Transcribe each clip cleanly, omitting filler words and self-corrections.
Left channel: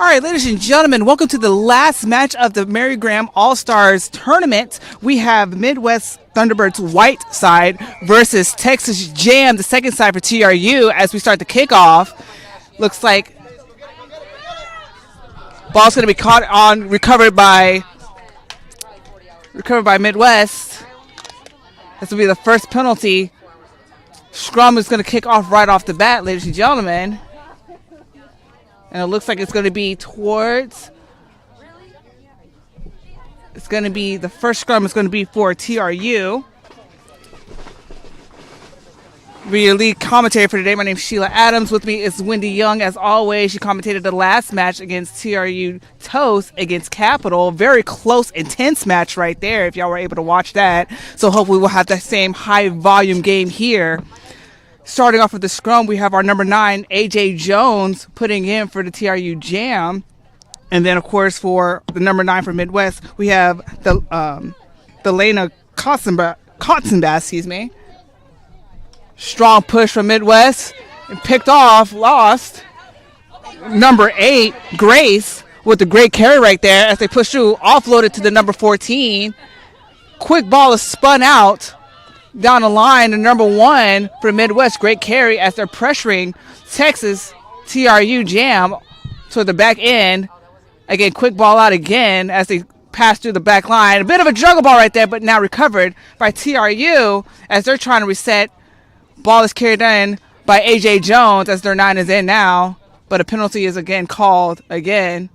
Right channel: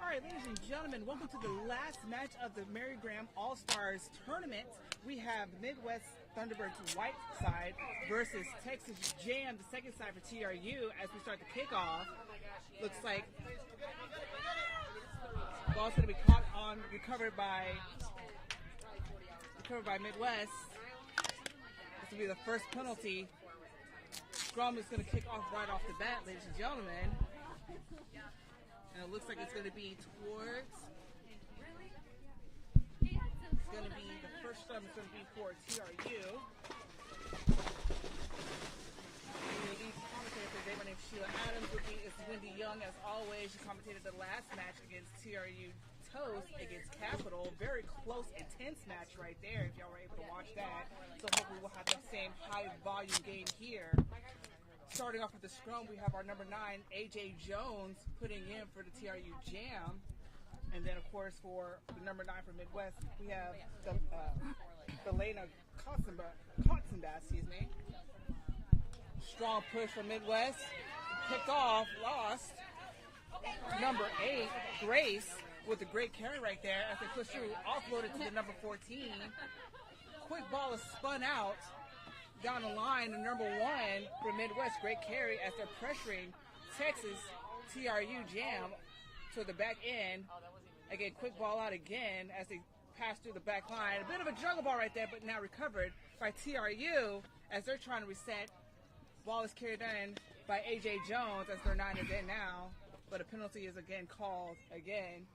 All right, ladies and gentlemen, welcome to the last match of the Mary Graham All-Stars tournament. We have Midwest Thunderbirds white side versus Texas Jam, the second side for TRU as we start the kickoff. Looks like ball's going to be caught on, recovered by Midwest. This will be the first penalty. Scrum is going to kick off right off the bat, ladies and gentlemen. And it looks like it's going to be towards, the first scrum is going to be for TRU. Be your lead commentator for today. My name is Sheila Adams. With me is Wendy Young. As always, she commentated the last match against TRU Toast against Capital. Very close, intense match right there, if y'all were able to watch that. So hopefully we'll have that same high-volume game here. Starting off with the scrum, we have our number 9, A.J. Jones, putting in for the TRU Jam. And then, of course, for the number 9 for Midwest, we have the Lena Kotzenbass, excuse me. Strong push from Midwest. And picked off, lost. Number 8, Grace, with the great carry right there as they push through, offloaded to the number 14. Quick ball is spun out. Down the line, the number 1 for Midwest, great carry as they're pressuring Texas TRU Jam to the back end. Again, quick ball out again as they pass through the back line. A bit of a juggle ball right there, but now recovered by TRU as they're trying to reset. Ball is carried in by A.J. Jones as their 9 is in now, but a penalty is again called again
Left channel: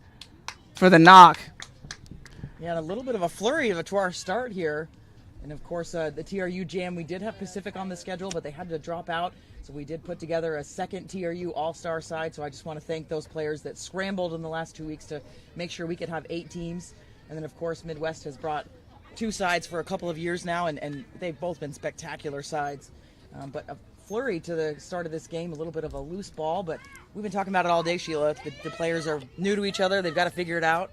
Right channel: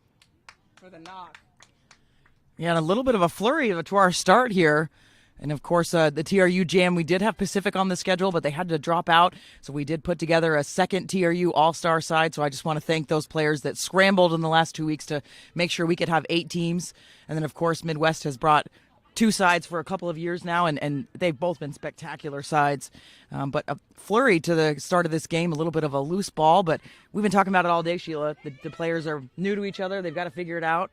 for the knock. Yeah, and a little bit of a flurry to our start here. And, of course, the TRU Jam, we did have Pacific on the schedule, but they had to drop out. So we did put together a second TRU All-Star side. So I just want to thank those players that scrambled in the last 2 weeks to make sure we could have 8 teams. And then, of course, Midwest has brought 2 sides for a couple of years now, and they've both been spectacular sides. But a flurry to the start of this game, a little bit of a loose ball. But we've been talking about it all day, Sheila. The players are new to each other. They've got to figure it out.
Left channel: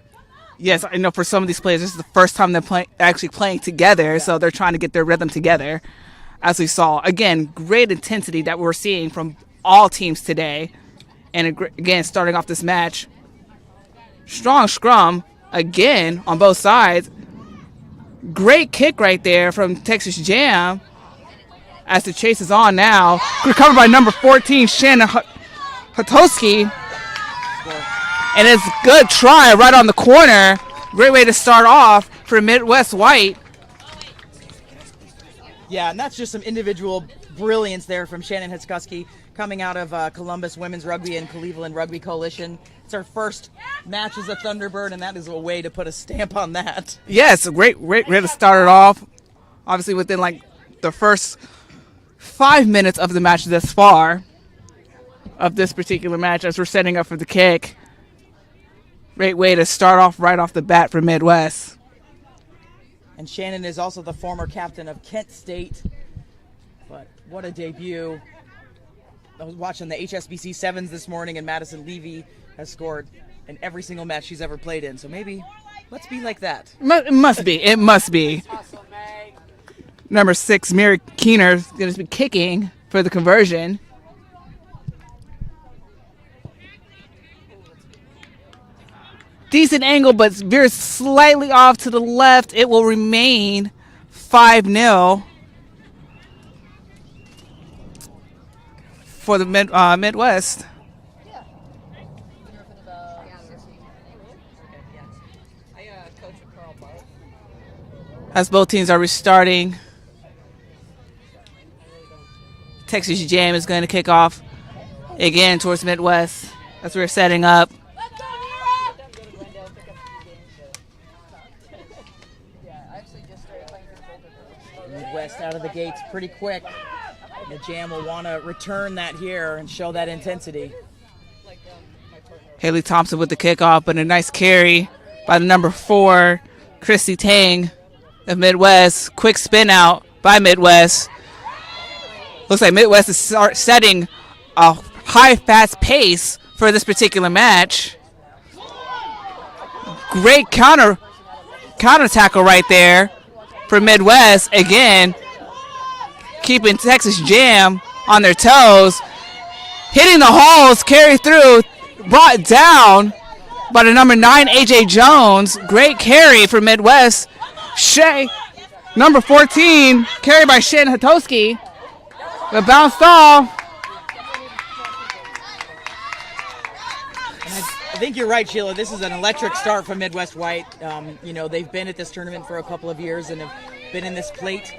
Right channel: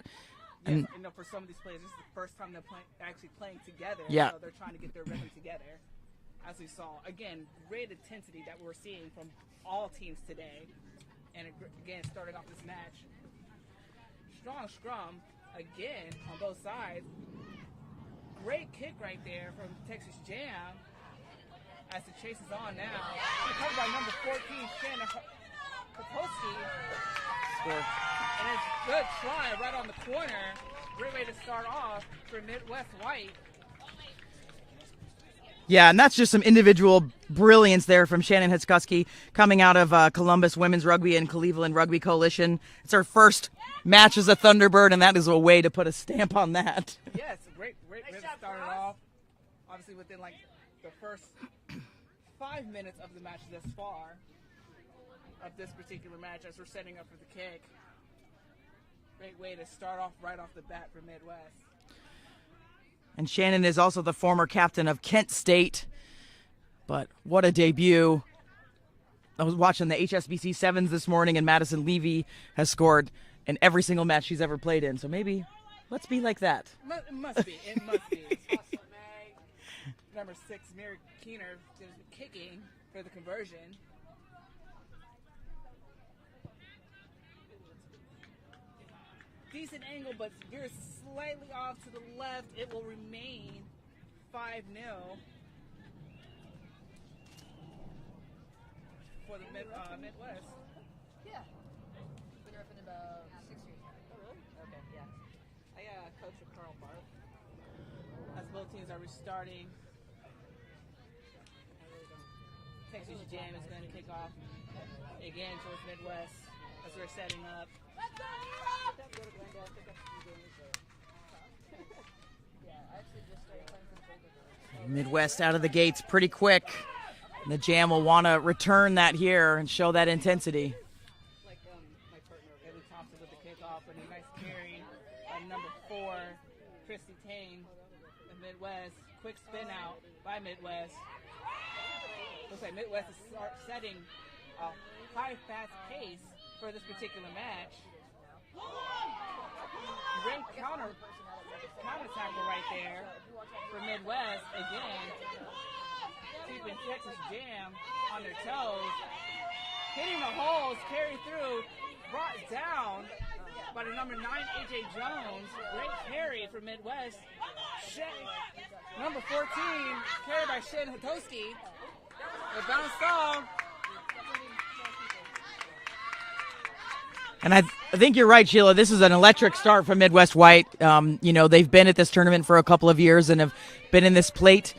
Yes, I know for some of these players, this is the first time they're actually playing together, so they're trying to get their rhythm together, as we saw. Again, great intensity that we're seeing from all teams today. And again, starting off this match, strong scrum, again, on both sides. Great kick right there from Texas Jam as the chase is on now. Recovered by number 14, Shannon Hotowski. And it's a good try right on the corner. Great way to start off for Midwest White. Yeah, and that's just some individual brilliance there from Shannon Hotowski coming out of Columbus Women's Rugby and Cleveland Rugby Coalition. It's our first match as a Thunderbird, and that is a way to put a stamp on that. Yes, a great way to start it off. Obviously within like the first 5 minutes of the match thus far, of this particular match as we're setting up for the kick. Great way to start off right off the bat for Midwest. And Shannon is also the former captain of Kent State. But what a debut. I was watching the HSBC Sevens this morning, and Madison Levy has scored in every single match she's ever played in. So maybe let's be like that. It must be. It must be. Number 6, Mary Keener, is going to be kicking for the conversion. Decent angle, but veers slightly off to the left. It will remain 5-0 for the Midwest. As both teams are restarting, Texas Jam is going to kick off again towards Midwest as we're setting up. Midwest out of the gates pretty quick. And the Jam will want to return that here and show that intensity. Haley Thompson with the kickoff, but a nice carry by the number 4, Christy Tang of Midwest. Quick spin out by Midwest. Looks like Midwest is setting a high, fast pace for this particular match. Great counter tackle right there for Midwest. Again, keeping Texas Jam on their toes. Hitting the holes, carry through, brought down by the number 9, A.J. Jones. Great carry for Midwest. Shea, number 14, carried by Shannon Hatoski. The bounced off. And I think you're right, Sheila. This is an electric start from Midwest White. They've been at this tournament for a couple of years and have been in this plate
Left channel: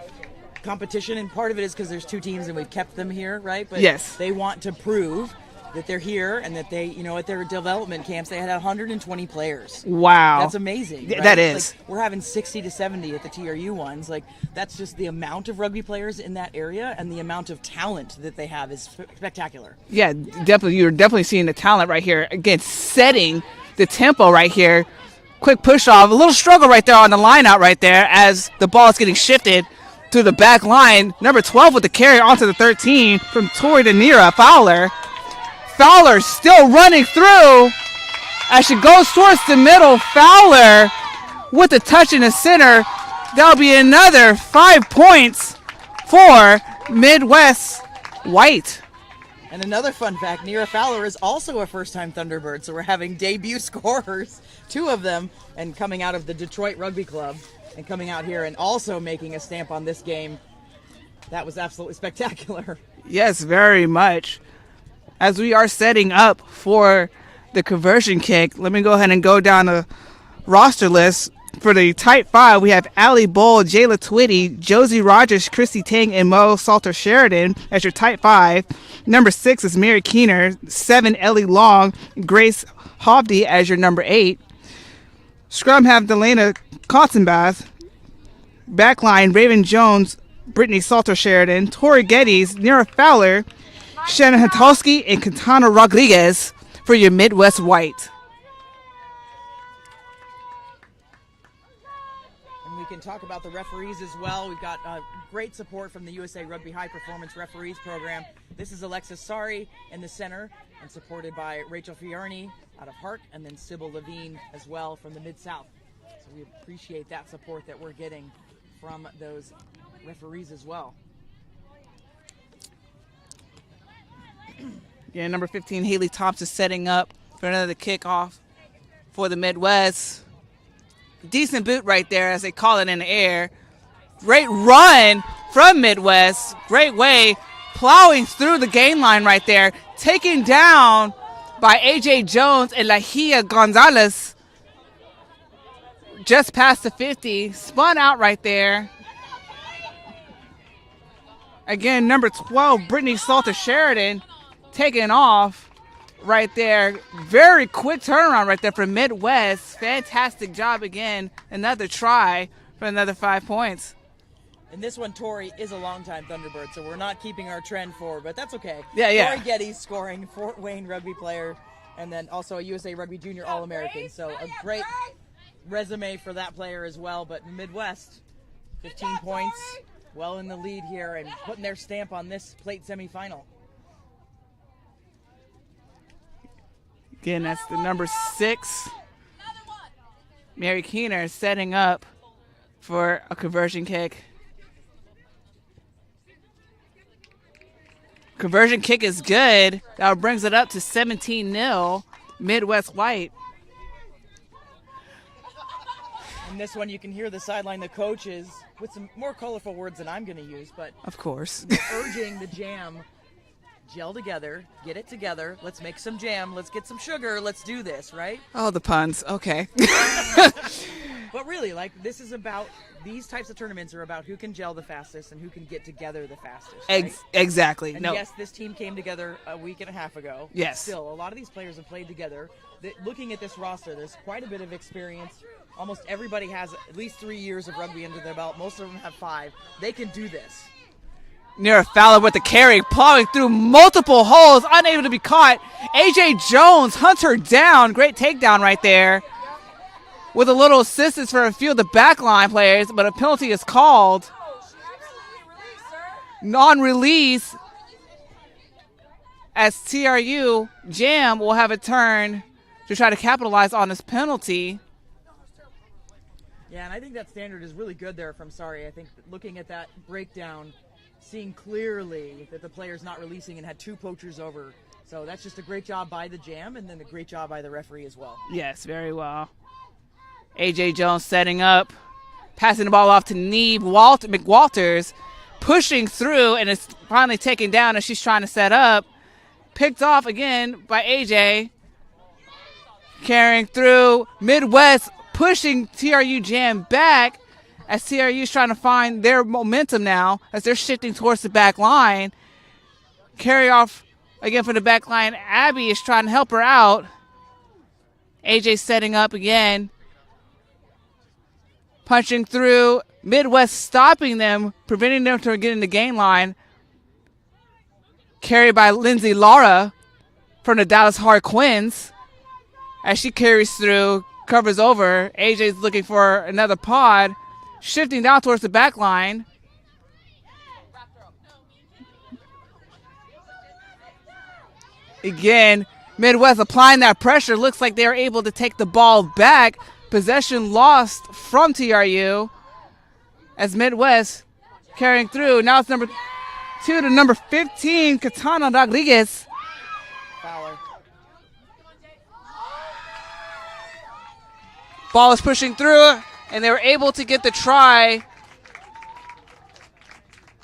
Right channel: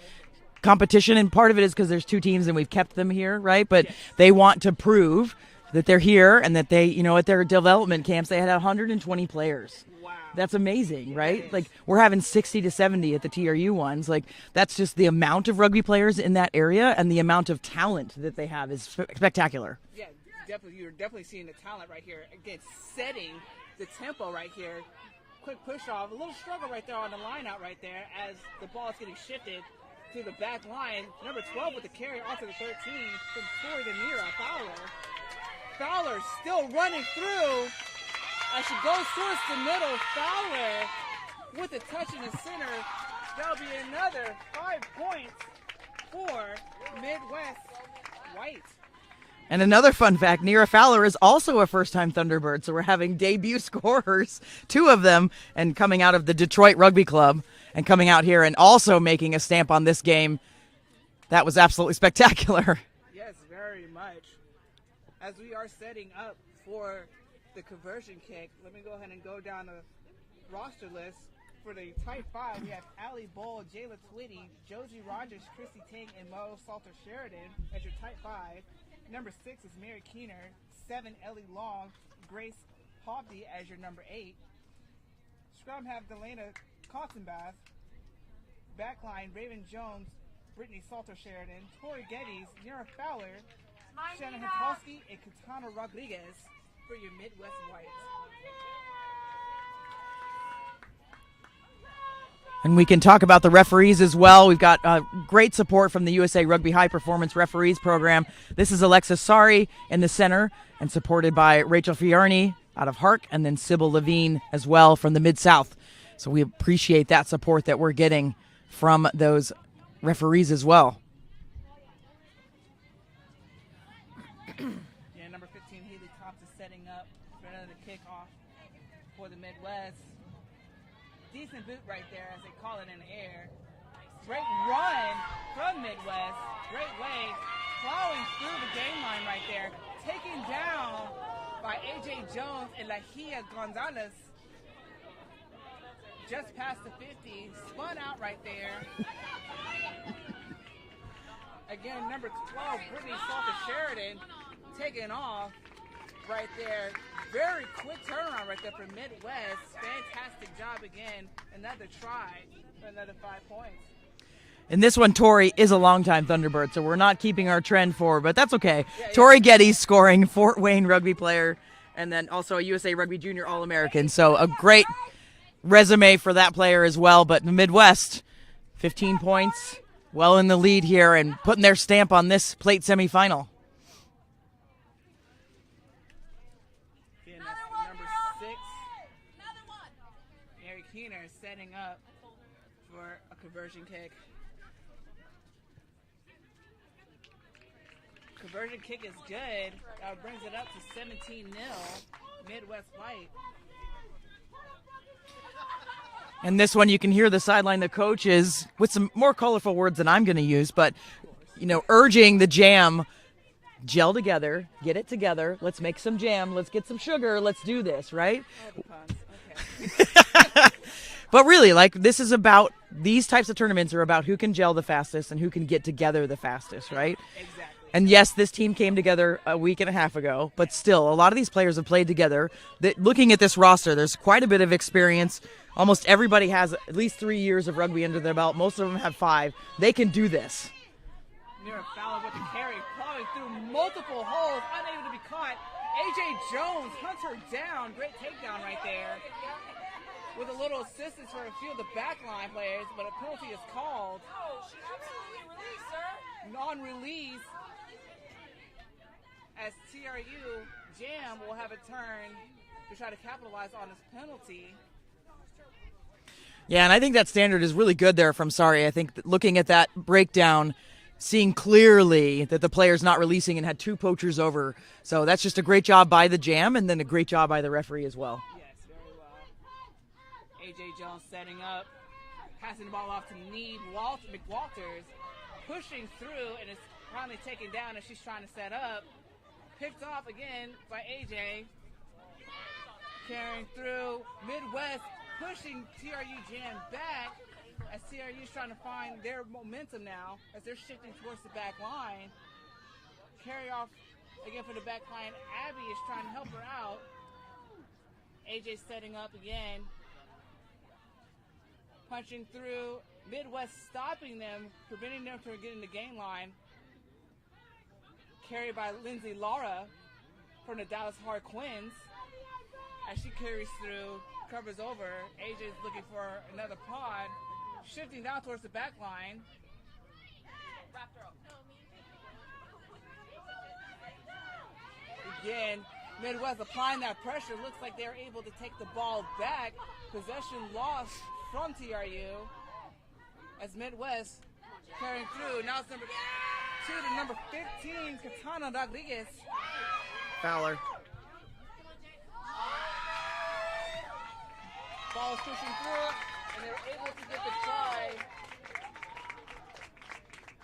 competition, and part of it is because there's 2 teams and we've kept them here, right? But yes, they want to prove that they're here and that they, at their development camps, they had 120 players. Wow. That's amazing. Right? That is. Like, we're having 60 to 70 at the TRU ones. Like, that's just the amount of rugby players in that area, and the amount of talent that they have is spectacular. Yeah, definitely. You're definitely seeing the talent right here. Again, setting the tempo right here. Quick push off. A little struggle right there on the line out right there as the ball is getting shifted to the back line. Number 12 with the carry onto the 13 from Tori Danira Fowler. Fowler still running through as she goes towards the middle. Fowler with a touch in the center. That'll be another 5 points for Midwest White. And another fun fact, Nira Fowler is also a first-time Thunderbird, so we're having debut scorers, 2 of them, and coming out of the Detroit Rugby Club and coming out here and also making a stamp on this game. That was absolutely spectacular. Yes, very much. As we are setting up for the conversion kick, let me go ahead and go down the roster list. For the Type 5, we have Allie Bull, Jayla Twitty, Josie Rogers, Christy Tang, and Mo Salter Sheridan as your Type 5. Number 6 is Mary Keener. 7, Ellie Long, Grace Hovde as your number 8. Scrum have Delana Cottonbath. Backline, Raven Jones, Brittany Salter Sheridan, Tori Geddes, Nira Fowler, Shannon Hatolsky, and Katana Rodriguez for your Midwest White. And we can talk about the referees as well. We've got great support from the USA Rugby High Performance Referees Program. This is Alexis Sari in the center and supported by Rachel Fiorni out of Hark, and then Sybil Levine as well from the Mid-South. So we appreciate that support that we're getting from those referees as well. Yeah, number 15, Haley Thompson setting up for another kickoff for the Midwest. Decent boot right there as they call it in the air. Great run from Midwest. Great way, plowing through the gain line right there. Taken down by A.J. Jones and Lahia Gonzalez. Just past the 50. Spun out right there. Again, number 12, Brittany Salter Sheridan, taking off right there. Very quick turnaround right there for Midwest. Fantastic job again. Another try for another 5 points. And this one, Tori is a longtime Thunderbird, so we're not keeping our trend forward, but that's okay. Yeah. Tori Geddes scoring, Fort Wayne rugby player, and then also a USA Rugby Junior All-American. So a great resume for that player as well. But the Midwest, 15 points, well in the lead here and putting their stamp on this plate semifinal. Again, that's the number 6. Mary Keener setting up for a conversion kick. Conversion kick is good. That brings it up to 17-0, Midwest White. And this one, you can hear the sideline, the coaches, with some more colorful words than I'm going to use, but of course, urging the jam, gel together, get it together. Let's make some jam. Let's get some sugar. Let's do this, right? Oh, the puns. Okay. But really, this is about, these types of tournaments are about who can gel the fastest and who can get together the fastest, right? Exactly. And yes, this team came together a week and a half ago, but still, a lot of these players have played together. Looking at this roster, there's quite a bit of experience. Almost everybody has at least 3 years of rugby under their belt. Most of them have 5. They can do this. Nira Fowler with the carry, plowing through multiple holes, unable to be caught. A.J. Jones hunts her down. Great takedown right there. With a little assistance for a few of the backline players, but a penalty is called. Non-release as TRU Jam will have a turn to try to capitalize on this penalty. Yeah, and I think that standard is really good there from Sari. I think looking at that breakdown, seeing clearly that the player's not releasing and had 2 poachers over. So that's just a great job by the Jam, and then a great job by the referee as well. Yes, very well. A.J. Jones setting up, passing the ball off to Neve McWalters, pushing through, and it's finally taken down as she's trying to set up. Picked off again by A.J. Carrying through. Midwest pushing TRU Jam back as TRU is trying to find their momentum now as they're shifting towards the back line. Carry off again for the back line. Abby is trying to help her out. AJ setting up again. Punching through. Midwest stopping them, preventing them from getting the gain line. Carried by Lindsay Lara from the Dallas Harquins. As she carries through, covers over. AJ's looking for another pod. Shifting down towards the back line. Again, Midwest applying that pressure. Looks like they're able to take the ball back. Possession lost from TRU as Midwest carrying through. Now it's number 2 to number 15, Katana Rodriguez. Fowler. Ball is pushing through, and they were able to get the try.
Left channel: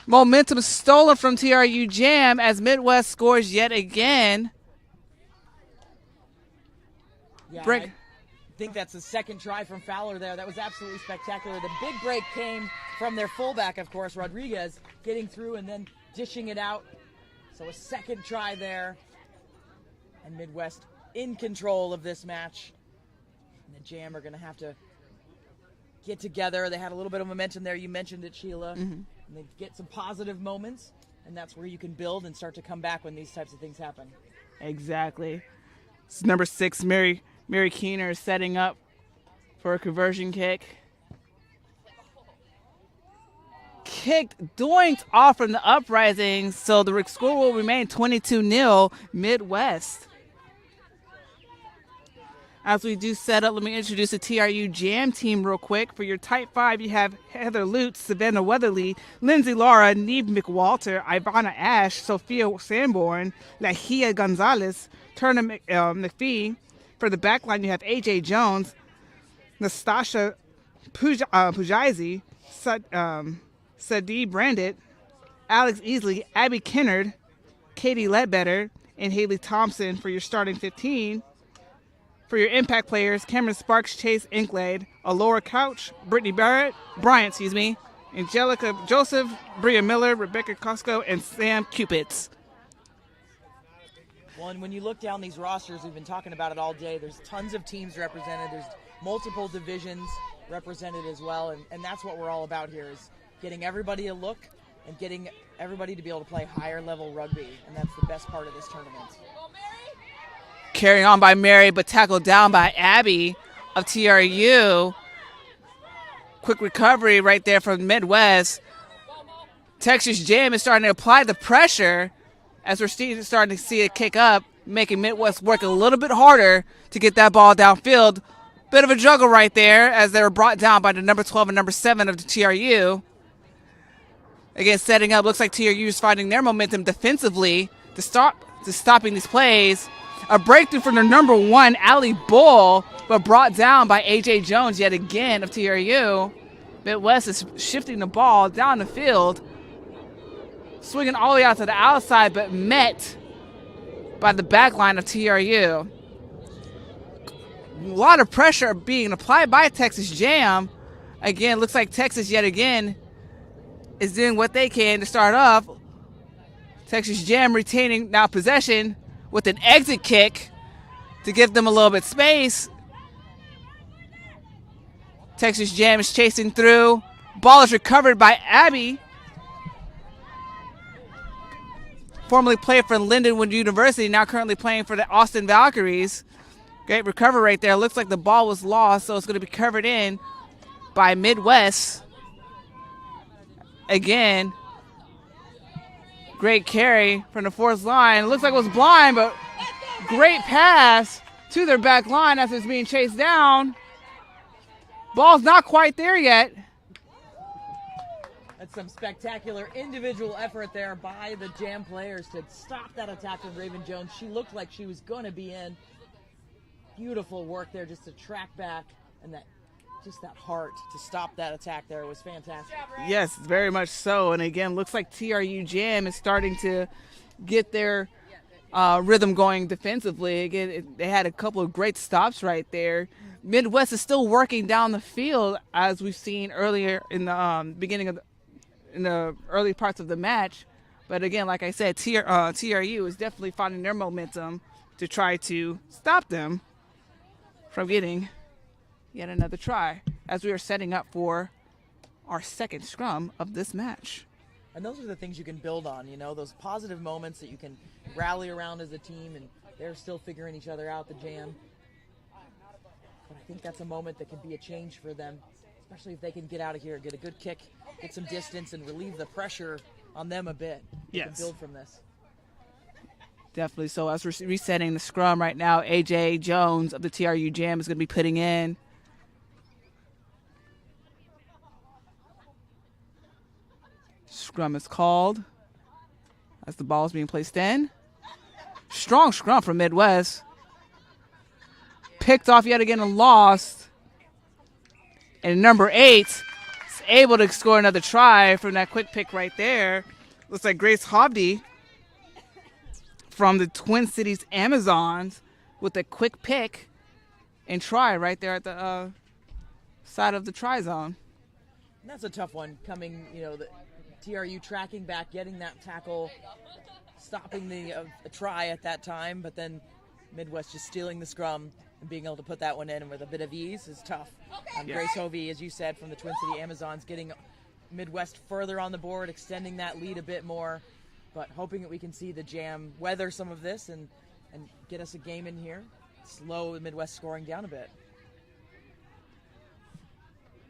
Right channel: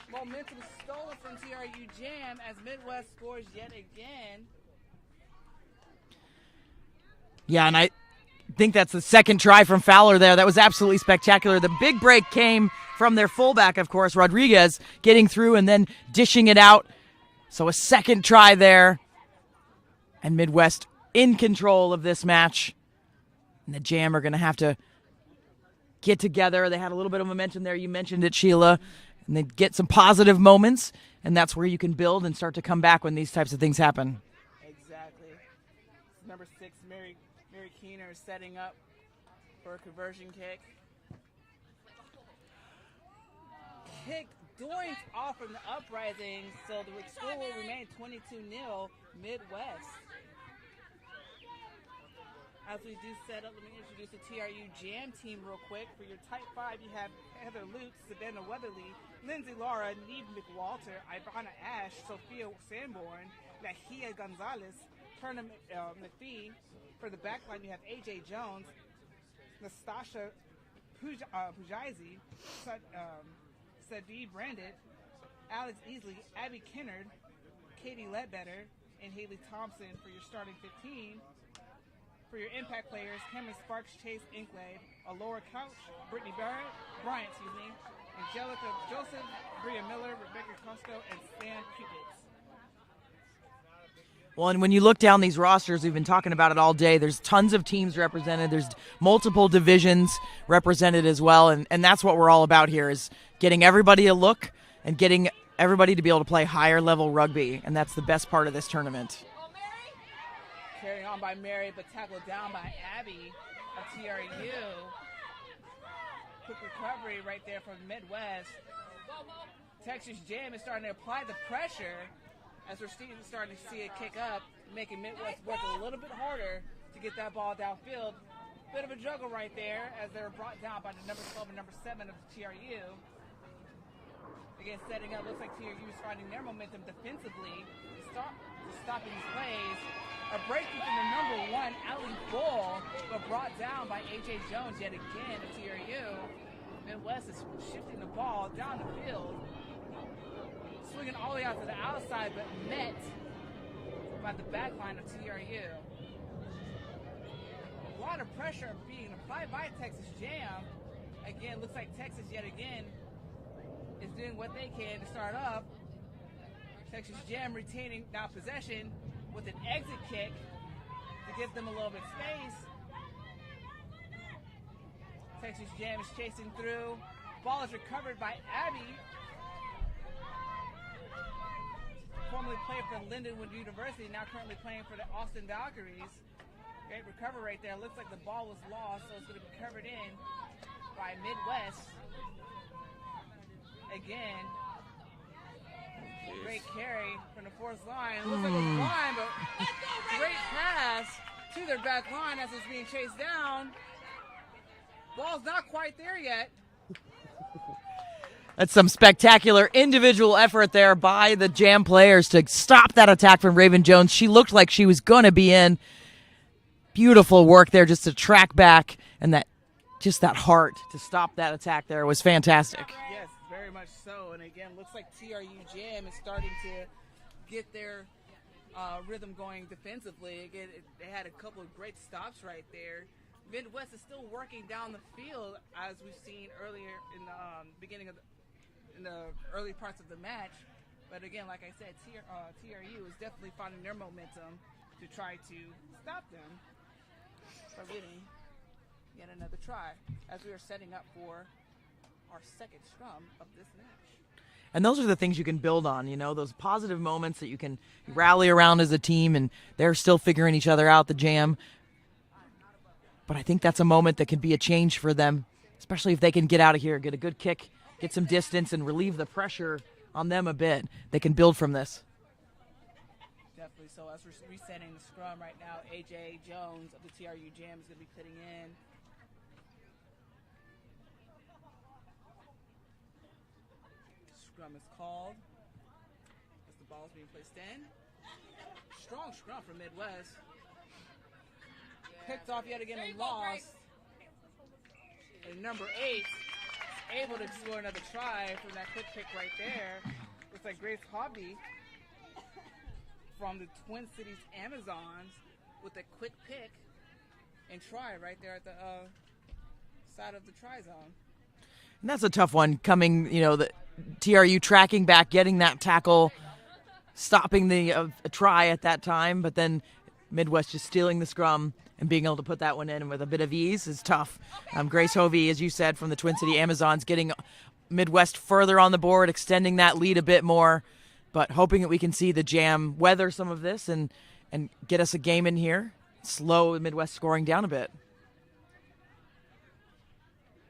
Momentum stolen from TRU Jam as Midwest scores yet again. Yeah, and I think that's the second try from Fowler there. That was absolutely spectacular. The big break came from their fullback, of course, Rodriguez, getting through and then dishing it out. So a second try there. And Midwest in control of this match. And the Jam are going to have to get together. They had a little bit of momentum there. You mentioned it, Sheila. Mm-hmm. And they get some positive moments, and that's where you can build and start to come back when these types of things happen. Exactly. It's number 6, Mary Keener, setting up for a conversion kick. Kicked, doinked off from the uprising, so the score will remain 22-0 Midwest. As we do set up, let me introduce the TRU Jam team real quick. For your Type 5, you have Heather Lutz, Savannah Weatherly, Lindsay Lara, Neve McWalter, Ivana Ash, Sophia Sanborn, Lahia Gonzalez, Turner McPhee. For the back line, you have A.J. Jones, Nastasha Pujazi, Sadie Brandit, Alex Easley, Abby Kennard, Katie Ledbetter, and Haley Thompson for your starting 15. For your impact players, Cameron Sparks, Chase Inklade, Alora Couch, Brittany Bryant, Angelica Joseph, Bria Miller, Rebecca Costco, and Sam Cupids. Well, and when you look down these rosters, we've been talking about it all day, there's tons of teams represented. There's multiple divisions represented as well, and that's what we're all about here, is getting everybody a look and getting everybody to be able to play higher level rugby, and that's the best part of this tournament. Carrying on by Mary, but tackled down by Abby of TRU. Quick recovery right there from Midwest. Texas Jam is starting to apply the pressure as we're starting to see it kick up, making Midwest work a little bit harder to get that ball downfield. Bit of a juggle right there as they were brought down by the number 12 and number 7 of the TRU. Again, setting up, looks like TRU is finding their momentum defensively to stopping these plays. A breakthrough from their number 1, Allie Bull, but brought down by A.J. Jones yet again of TRU. Midwest is shifting the ball down the field, swinging all the way out to the outside, but met by the back line of TRU. A lot of pressure being applied by Texas Jam. Again, looks like Texas yet again is doing what they can to start off. Texas Jam retaining now possession with an exit kick to give them a little bit space. Texas Jam is chasing through. Ball is recovered by Abby. Formerly played for Lindenwood University, now currently playing for the Austin Valkyries. Great recovery right there. Looks like the ball was lost, so it's going to be covered in by Midwest. Again, great carry from the fourth line. Looks like it was blind, but great pass to their back line as it's being chased down. Ball's not quite there yet. That's some spectacular individual effort there by the Jam players to stop that attack from Raven Jones. She looked like she was going to be in. Beautiful work there just to track back, and that heart to stop that attack there was fantastic. Yes, very much so. And again, looks like TRU Jam is starting to get their rhythm going defensively. Again, they had a couple of great stops right there. Midwest is still working down the field, as we've seen earlier in the in the early parts of the match. But again, like I said, TRU is definitely finding their momentum to try to stop them from getting yet another try, as we are setting up for our second scrum of this match. And those are the things you can build on, those positive moments that you can rally around as a team, and they're still figuring each other out, the Jam. But I think that's a moment that can be a change for them, especially if they can get out of here, get a good kick, get some distance, and relieve the pressure on them a bit. They can build from this. Definitely. So as we're resetting the scrum right now, AJ Jones of the TRU Jam is going to be putting in. Scrum is called as the ball is being placed in. Strong scrum from Midwest. Picked off yet again and lost. And number 8 is able to score another try from that quick pick right there. Looks like Grace Hobdy from the Twin Cities Amazons with a quick pick and try right there at the side of the try zone. And that's a tough one coming, the TRU tracking back, getting that tackle, stopping the try at that time, but then Midwest just stealing the scrum and being able to put that one in with a bit of ease is tough. Grace Hovey, as you said, from the Twin City Amazons, getting Midwest further on the board, extending that lead a bit more, but hoping that we can see the Jam weather some of this and get us a game in here, slow Midwest scoring down a bit.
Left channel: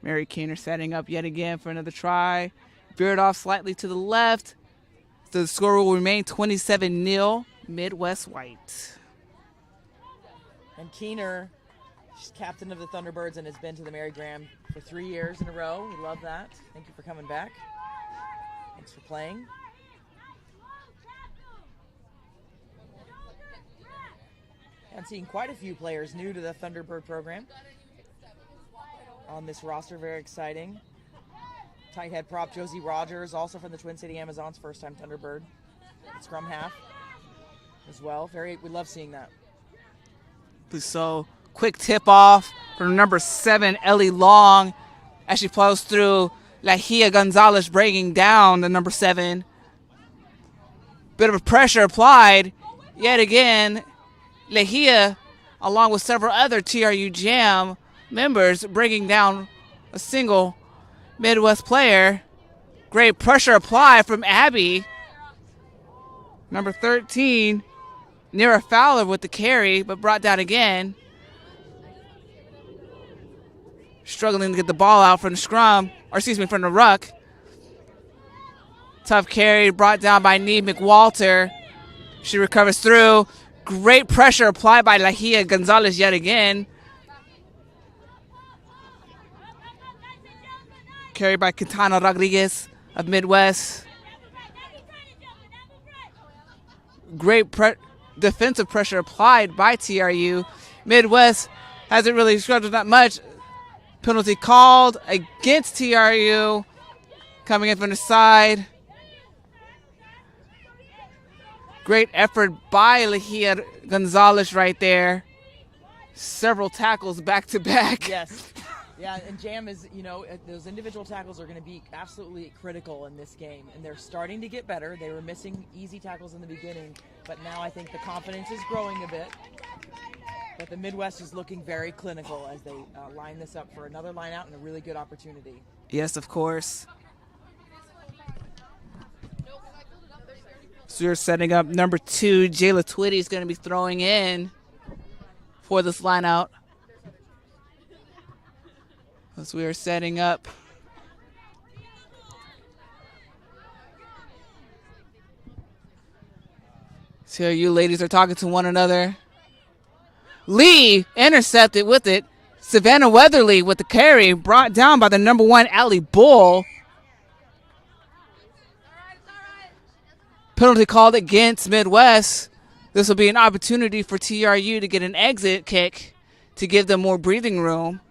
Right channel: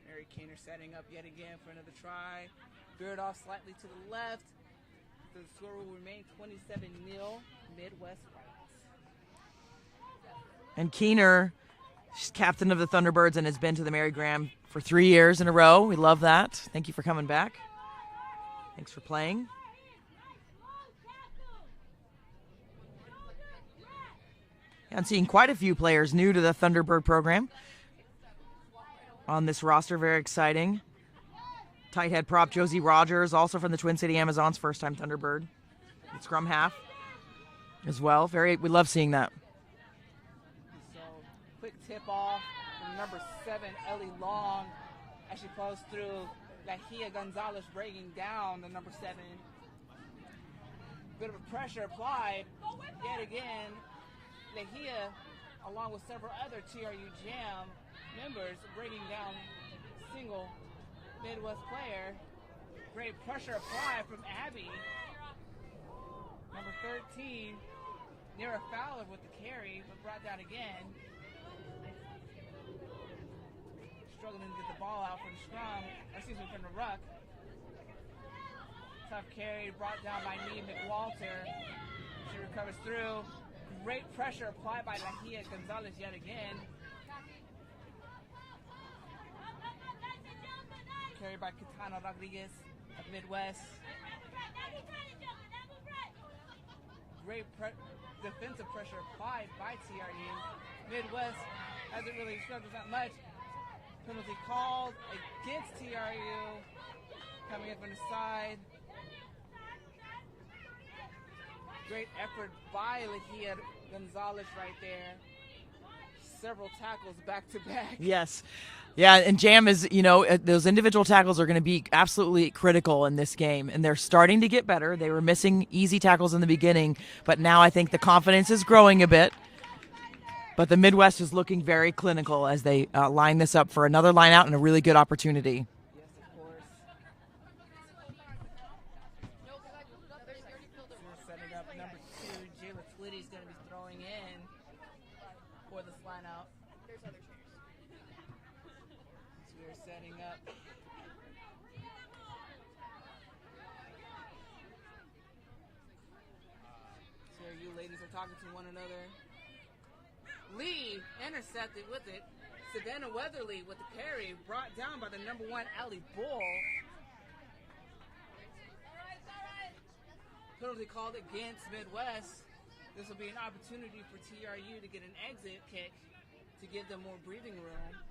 Mary Keener setting up yet again for another try. Veered off slightly to the left. The score will remain 27-0, Midwest White. And Keener, she's captain of the Thunderbirds and has been to the Mary Graham for 3 years in a row. We love that. Thank you for coming back. Thanks for playing. And seeing quite a few players new to the Thunderbird program on this roster. Very exciting. Tight head prop Josie Rogers, also from the Twin City Amazons, first-time Thunderbird. Scrum half as well. We love seeing that. So quick tip off from number 7, Ellie Long, as she plows through. Lahia Gonzalez bringing down the number 7. Bit of a pressure applied. Yet again, Lahia, along with several other TRU Jam members, bringing down a single Midwest player. Great pressure applied from Abby. Number 13, Nira Fowler with the carry, but brought down again. Struggling to get the ball out from the scrum, from the ruck. Tough carry brought down by Nee McWalter. She recovers through. Great pressure applied by Lahia Gonzalez yet again. Carried by Quintana Rodriguez of Midwest. Great defensive pressure applied by TRU. Midwest hasn't really struggled that much. Penalty called against TRU. Coming in from the side. Great effort by Lahia Gonzalez right there. Several tackles back to back. Yes. Yeah, and Jam is, those individual tackles are going to be absolutely critical in this game, and they're starting to get better. They were missing easy tackles in the beginning, but now I think the confidence is growing a bit. But the Midwest is looking very clinical as they line this up for another line out and a really good opportunity. Yes, of course. So you're setting up number 2, Jayla Twitty is going to be throwing in for this line out. As we are setting up. So you ladies are talking to one another. Lee intercepted with it. Savannah Weatherly with the carry, brought down by the number 1, Allie Bull. Penalty called against Midwest. This will be an opportunity for TRU to get an exit kick to give them more breathing room.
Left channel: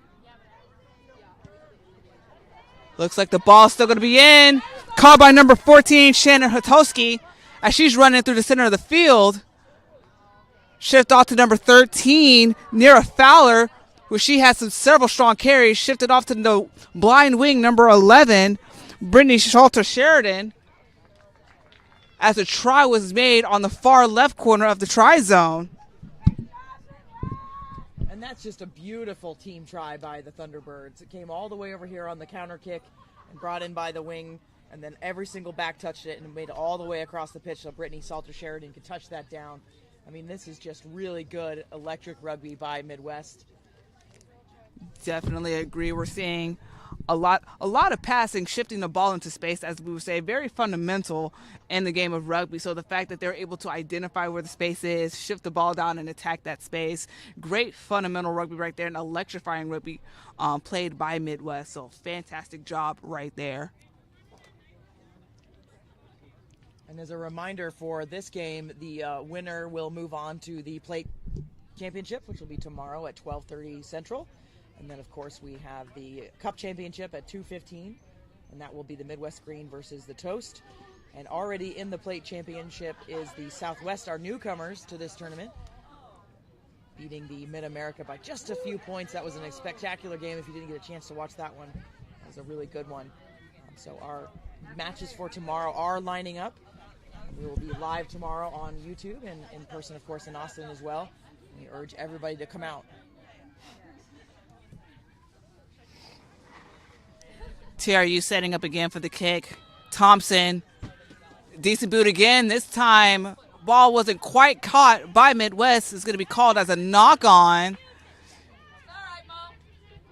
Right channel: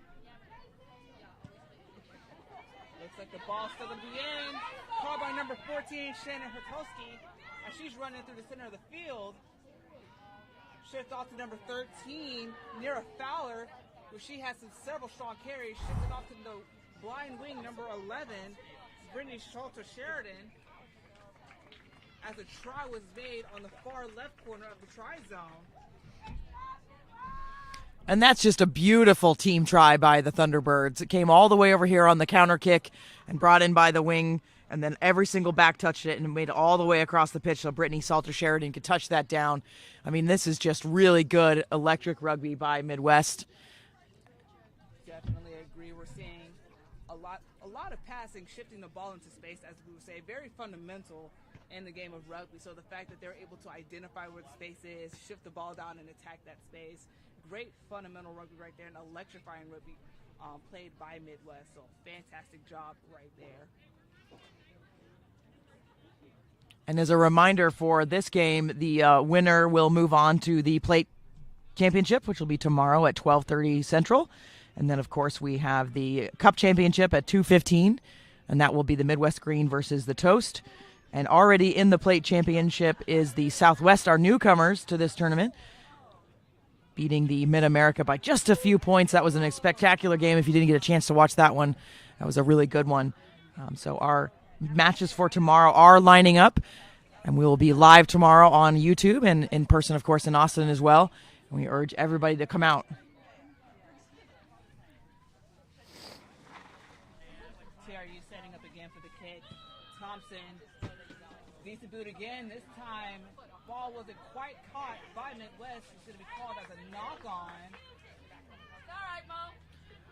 Looks like the ball's still going to be in. Called by number 14, Shannon Hotowski, as she's running through the center of the field. Shift off to number 13, Nira Fowler, where she has several strong carries. Shifted off to the blind wing, number 11, Brittany Shalter-Sheridan, as a try was made on the far left corner of the try zone. And that's just a beautiful team try by the Thunderbirds. It came all the way over here on the counter kick and brought in by the wing, and then every single back touched it and made it all the way across the pitch so Brittany Salter-Sheridan could touch that down. I mean, this is just really good electric rugby by Midwest. Definitely agree. We're seeing a lot of passing, shifting the ball into space, as we would say, very fundamental in the game of rugby. So the fact that they're able to identify where the space is, shift the ball down and attack that space, great fundamental rugby right there, and electrifying rugby played by Midwest. So fantastic job right there. And as a reminder for this game, the winner will move on to the plate championship, which will be tomorrow at 12:30 Central. And then, of course, we have the Cup Championship at 2:15, and that will be the Midwest Green versus the Toast. And already in the Plate Championship is the Southwest, our newcomers to this tournament, beating the Mid-America by just a few points. That was a spectacular game. If you didn't get a chance to watch that one, that was a really good one. So our matches for tomorrow are lining up, and we will be live tomorrow on YouTube and in person, of course, in Austin as well. And we urge everybody to come out. TRU setting up again for the kick. Thompson, decent boot again. This time, ball wasn't quite caught by Midwest. It's going to be called as a knock-on.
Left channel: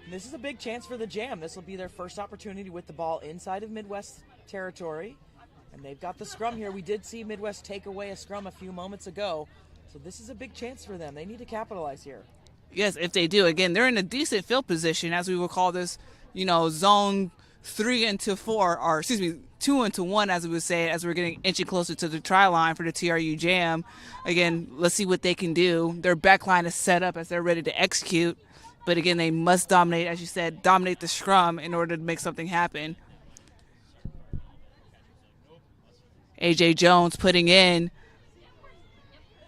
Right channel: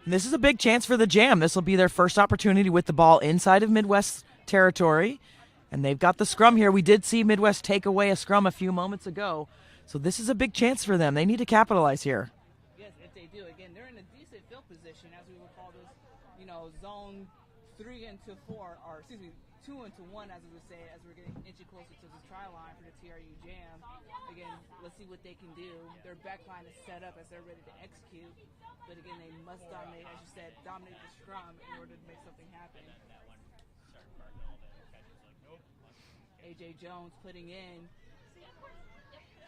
This is a big chance for the Jam. This will be their first opportunity with the ball inside of Midwest territory. And they've got the scrum here. We did see Midwest take away a scrum a few moments ago. So this is a big chance for them. They need to capitalize here. Yes, if they do. Again, they're in a decent field position, as we will call this, zone 3 into 4, or 2 into 1, as we would say, as we're getting inching closer to the try line for the TRU Jam. Again, let's see what they can do. Their back line is set up as they're ready to execute. But again, they must dominate, as you said, dominate the scrum in order to make something happen. AJ Jones putting in.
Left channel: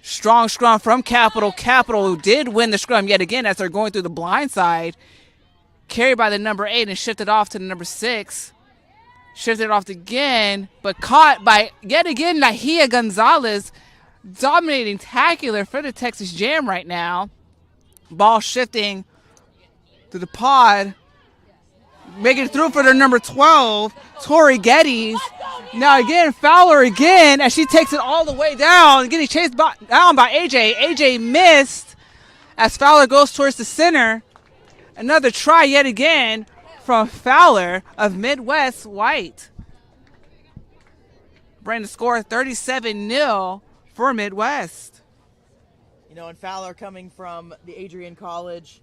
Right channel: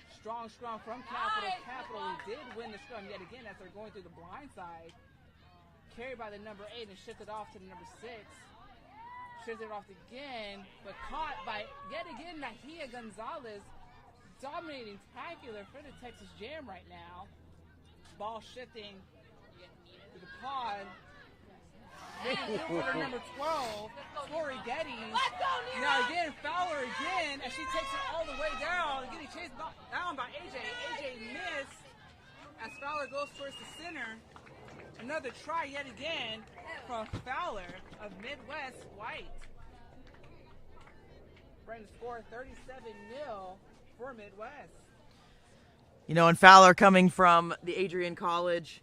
Strong scrum from Capital. Capital did win the scrum yet again as they're going through the blind side. Carried by the number 8 and shifted off to the number 6. Shifted off again, but caught by, yet again, Nahia Gonzalez. Dominating tackler for the Texas Jam right now. Ball shifting to the pod. Making it through for their number 12, Tori Geddes. Now again, Fowler again, as she takes it all the way down, getting chased down by AJ. AJ missed as Fowler goes towards the center. Another try yet again from Fowler of Midwest White. Bring the score 37-0 for Midwest. And Fowler coming from the Adrian College,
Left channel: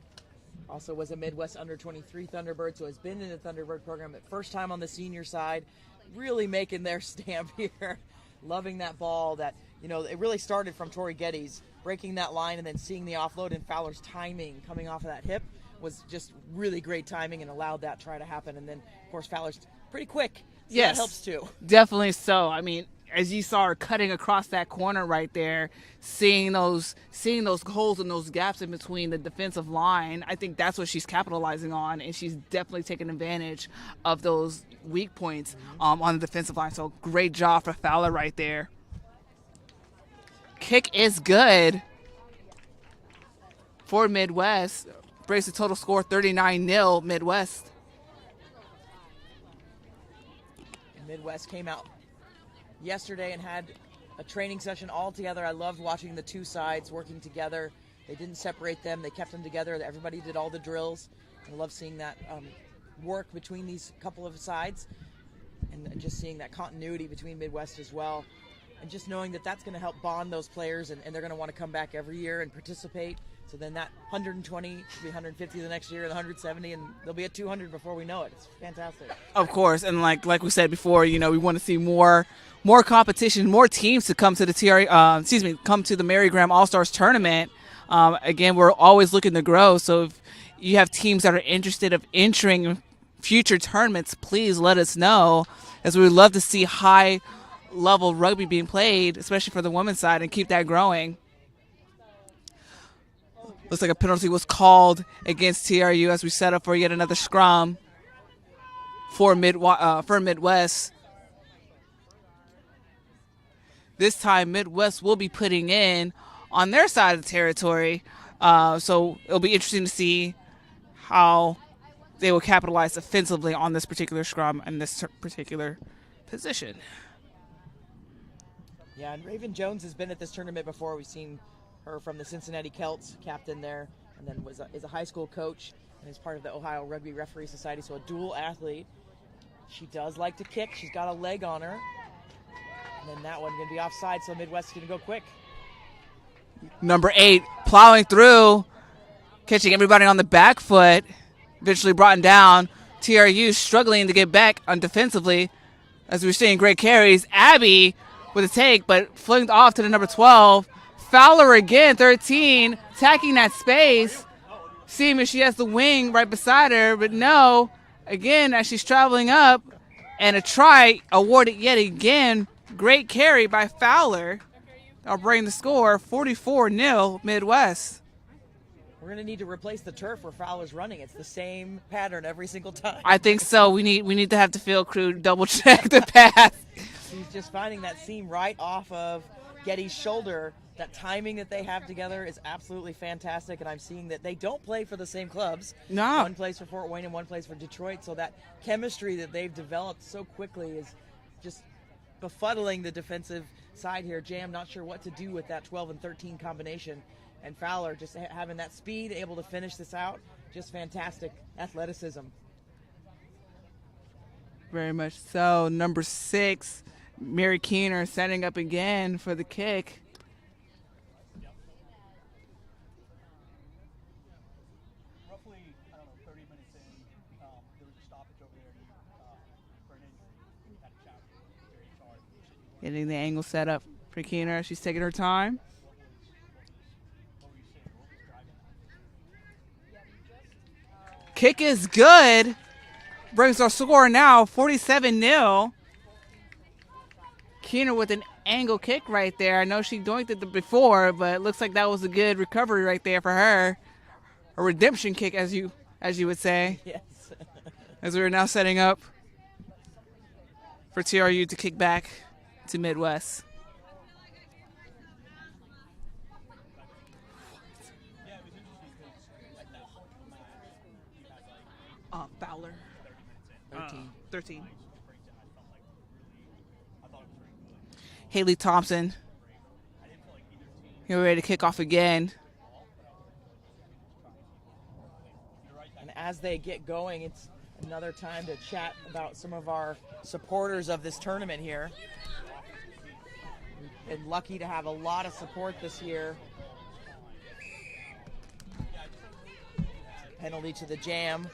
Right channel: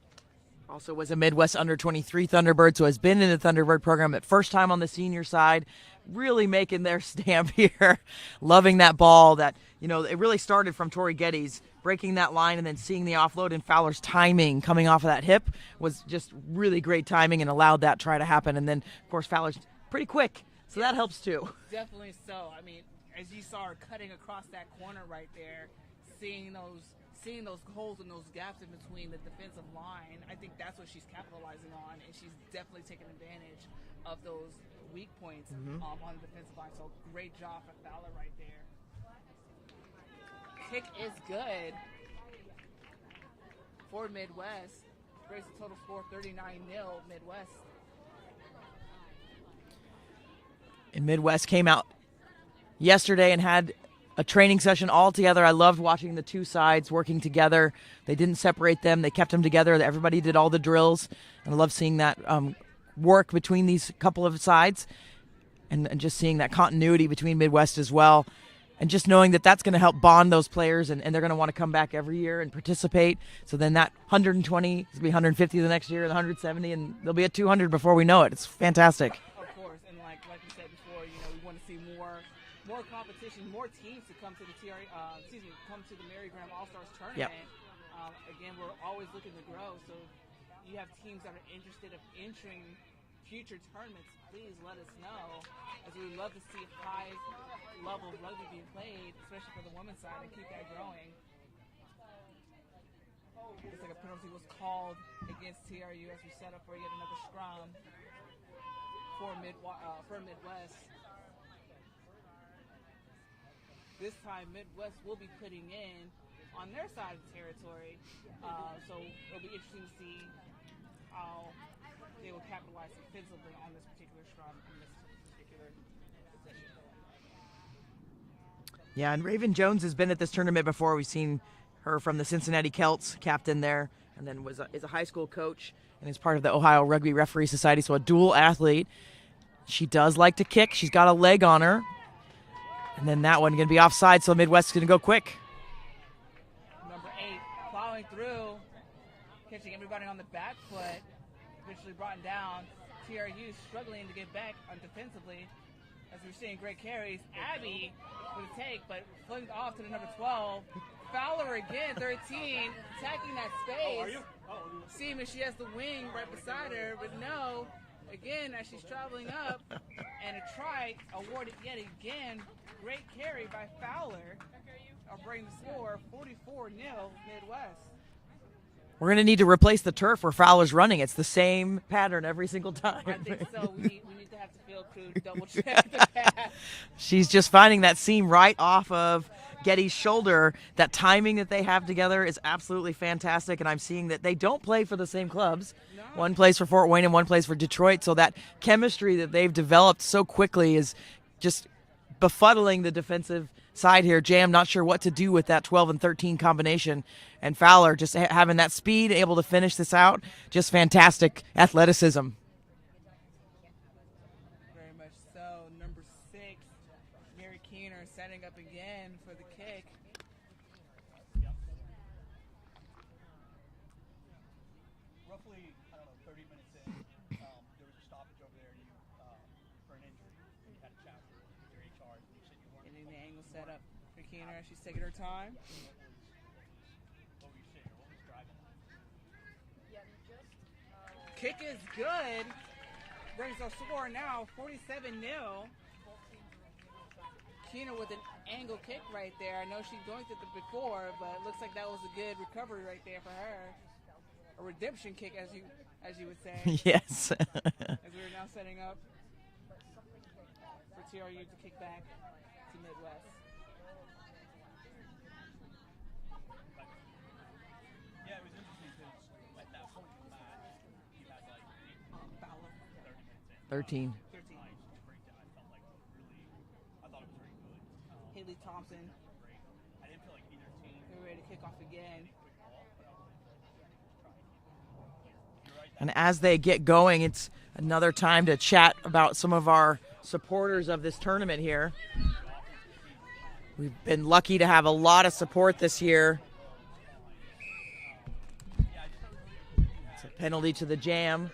also was a Midwest under-23 Thunderbird, so has been in the Thunderbird program at first time on the senior side, really making their stamp here. Loving that ball that, it really started from Tori Geddes, breaking that line and then seeing the offload, and Fowler's timing coming off of that hip was just really great timing and allowed that try to happen. And then, of course, Fowler's pretty quick, so yes, that helps too. Definitely so. I mean, as you saw her cutting across that corner right there, seeing those holes and those gaps in between the defensive line, I think that's what she's capitalizing on, and she's definitely taking advantage of those weak points on the defensive line. So great job for Fowler right there. Kick is good for Midwest. Brings the total score 39-0 Midwest. And Midwest came out yesterday and had a training session all together. I loved watching the two sides working together. They didn't separate them. They kept them together. Everybody did all the drills. And I love seeing that work between these couple of sides and just seeing that continuity between Midwest as well. And just knowing that that's going to help bond those players, and they're going to want to come back every year and participate. So then that 120 will be 150 the next year, and 170, and they'll be at 200 before we know it. It's fantastic. Of course, and like we said before, we want to see more more competition, more teams to come to the come to the Mary Graham All Stars tournament. Again, we're always looking to grow. So if you have teams that are interested of entering future tournaments, please let us know, as we would love to see high level rugby being played, especially for the women's side, and keep that growing. Looks like a penalty was called against TRU as we set up for yet another scrum for Midwest. This time, Midwest will be putting in on their side of the territory. So it'll be interesting to see how they will capitalize offensively on this particular scrum and this particular position. Yeah, and Raven Jones has been at this tournament before. We've seen her from the Cincinnati Celts, captain there, and then is a high school coach and is part of the Ohio Rugby Referee Society, so a dual athlete. She does like to kick. She's got a leg on her. And then that one going to be offside, so Midwest is going to go quick. Number 8, plowing through, catching everybody on the back foot, eventually brought down. TRU struggling to get back on defensively. As we're seeing great carries, Abby with a take, but flinged off to the number 12. Fowler again, 13, attacking that space, seeing if she has the wing right beside her, but no. Again, as she's traveling up, and a try awarded yet again. Great carry by Fowler. I'll bring the score 44-0 Midwest. We're going to need to replace the turf where Fowler's running. It's the same pattern every single time. I think so. We need to have the field crew double check the pass. She's just finding that seam right off of Getty's shoulder. That timing that they have together is absolutely fantastic, and I'm seeing that they don't play for the same clubs. No. One plays for Fort Wayne and one plays for Detroit, so that chemistry that they've developed so quickly is just befuddling the defensive side here. Jam not sure what to do with that 12 and 13 combination, and Fowler just having that speed, able to finish this out. Just fantastic athleticism. Very much so. Number 6, Mary Keener setting up again for the kick. Roughly, 30 minutes in, there was a stoppage over there for an injury. You had a chat with your HR. Getting the angle set up for Keener as she's taking her time. Kick is good. Brings our score now 47-0. Keener with an angle kick right there. I know she doinked it before, but it looks like that was a good recovery right there for her. A redemption kick, as you would say. Yes. As we are now setting up for TRU to kick back to Midwest. Yeah, it was interesting because at that point in the match, you had Fowler. 13. 13. Haley Thompson. Here we're ready to kick off again. And as they get going, it's another time to chat about some of our supporters of this tournament here. We've been lucky to have a lot of support this year. It's a penalty to the Jam.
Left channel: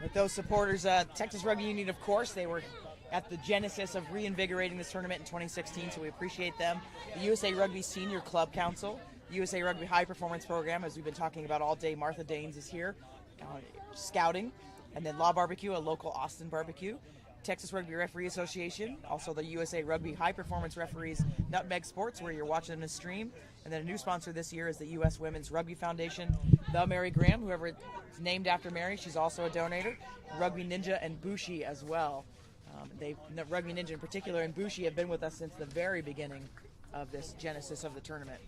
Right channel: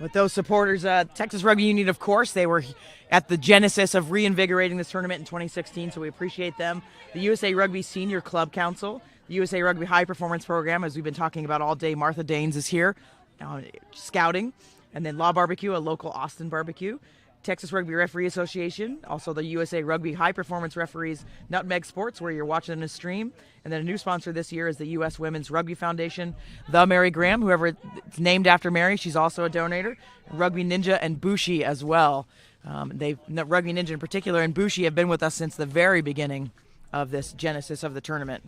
With those supporters, Texas Rugby Union, of course, they were at the genesis of reinvigorating this tournament in 2016, so we appreciate them. The USA Rugby Senior Club Council, the USA Rugby High Performance Program, as we've been talking about all day, Martha Danes is here, scouting, and then Law Barbecue, a local Austin barbecue. Texas Rugby Referee Association, also the USA Rugby High Performance Referees Nutmeg Sports, where you're watching the stream. And then a new sponsor this year is the U.S. Women's Rugby Foundation, the Mary Graham, whoever it's named after Mary, she's also a donator. Rugby Ninja and Bushi as well. Rugby Ninja in particular and Bushi have been with us since the very beginning of this genesis of the tournament.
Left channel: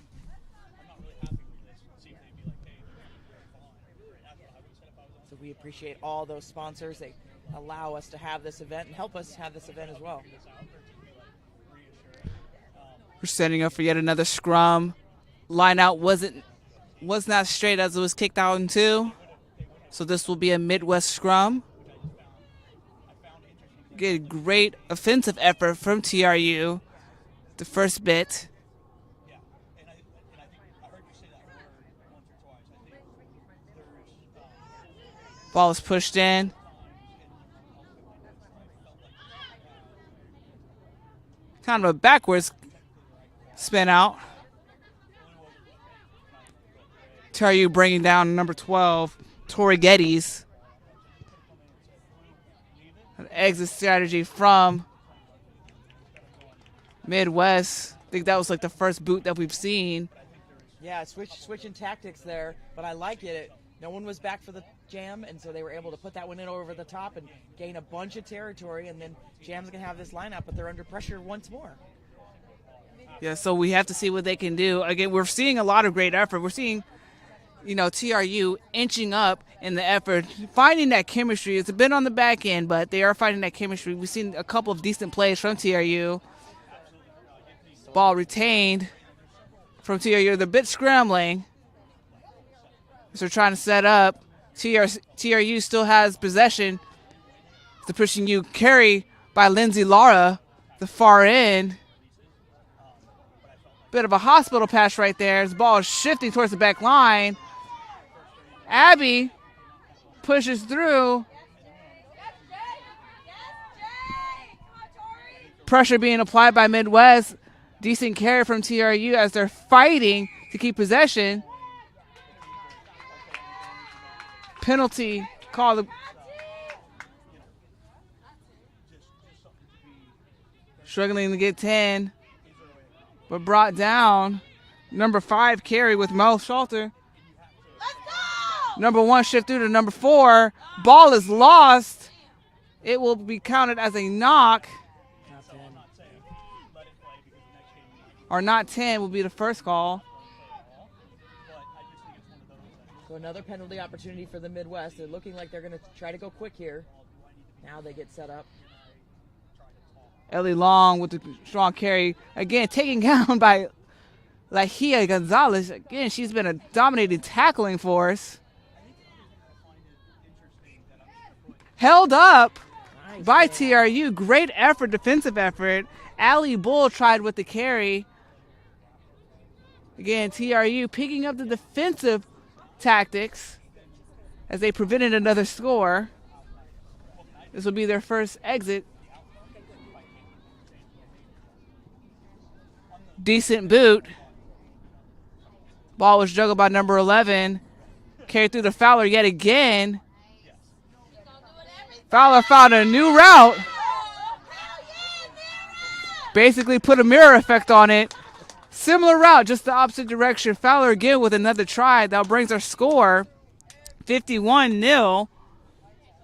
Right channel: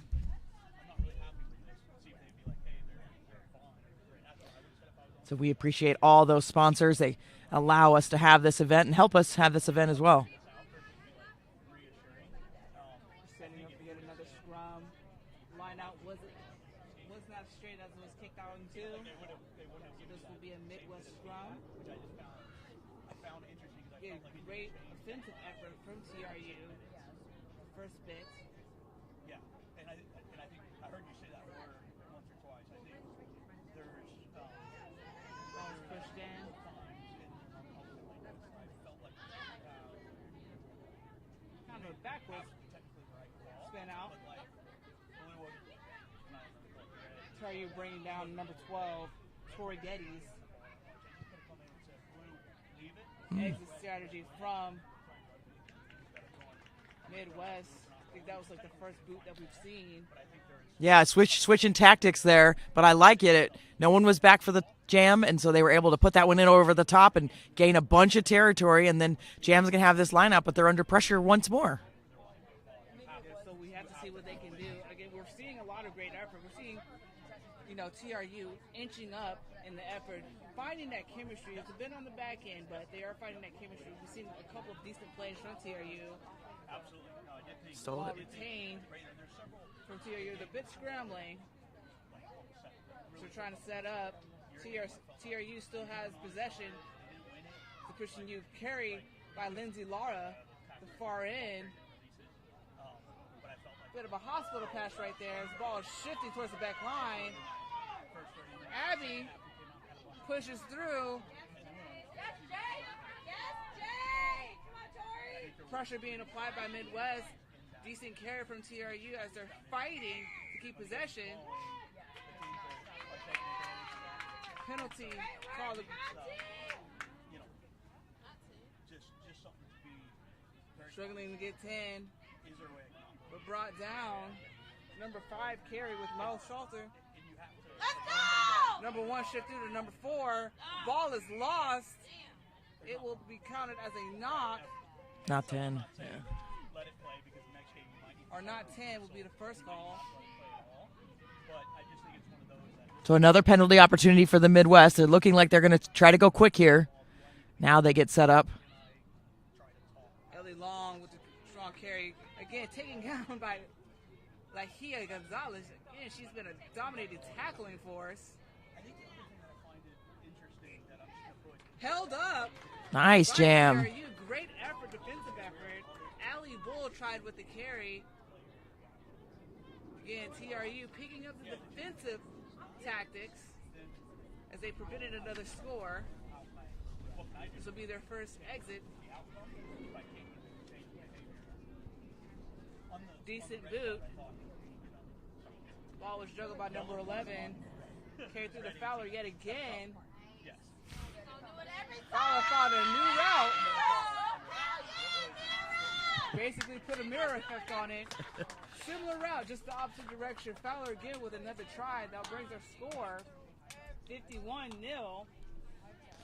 So we appreciate all those sponsors. They allow us to have this event and help us have this event as well. We're setting up for yet another scrum. Line out was not straight as it was kicked out in 2. So this will be a Midwest scrum. Get a great offensive effort from TRU. The first bit. Ball is pushed in. Kind of a backwards spin out. TRU bringing down number 12, Tori Geddes. An exit strategy from Midwest. I think that was like the first boot that we've seen. Yeah, switching tactics there, but I like it. No one was back for the jam, and so they were able to put that one in over the top and gain a bunch of territory, and then Jam's going to have this lineup, but they're under pressure once more. Yeah, so we have to see what they can do. Again, we're seeing a lot of great effort. We're seeing, TRU inching up in the effort, finding that chemistry. It's a bit on the back end, but they are finding that chemistry. We've seen a couple of decent plays from TRU. Ball retained from TRU. They're a bit scrambling. So they're trying to set up. TRU still has possession. The pushing you carry by Lindsay Lara, the far end. Bit of a hospital pass right there. This ball is shifting towards the back line. Abby pushes through. Pressure being applied by Midwest. Decent carry from TRU as they're fighting to keep possession. Penalty called. Struggling to get 10, but brought down. Number 5 carry with Mel Shelter. Number 1 shift through to number 4. Ball is lost. It will be counted as a knock. Not 10. Or not 10 will be the first call. So another penalty opportunity for the Midwest. They're looking like they're going to try to go quick here. Now they get set up. Ellie Long with the strong carry. Again, taken down by Lahia Gonzalez. Again, she's been a dominating tackling force. Held up Nice by jam. TRU. Great effort, defensive effort. Allie Bull tried with the carry. Again, TRU picking up the defensive tactics as they prevented another score. This will be their first exit. Decent boot. Ball was juggled by number 11. Carried through to Fowler yet again. Fowler found a new route. Basically put a mirror effect on it. Similar route, just the opposite direction. Fowler again with another try. That brings our score 51-0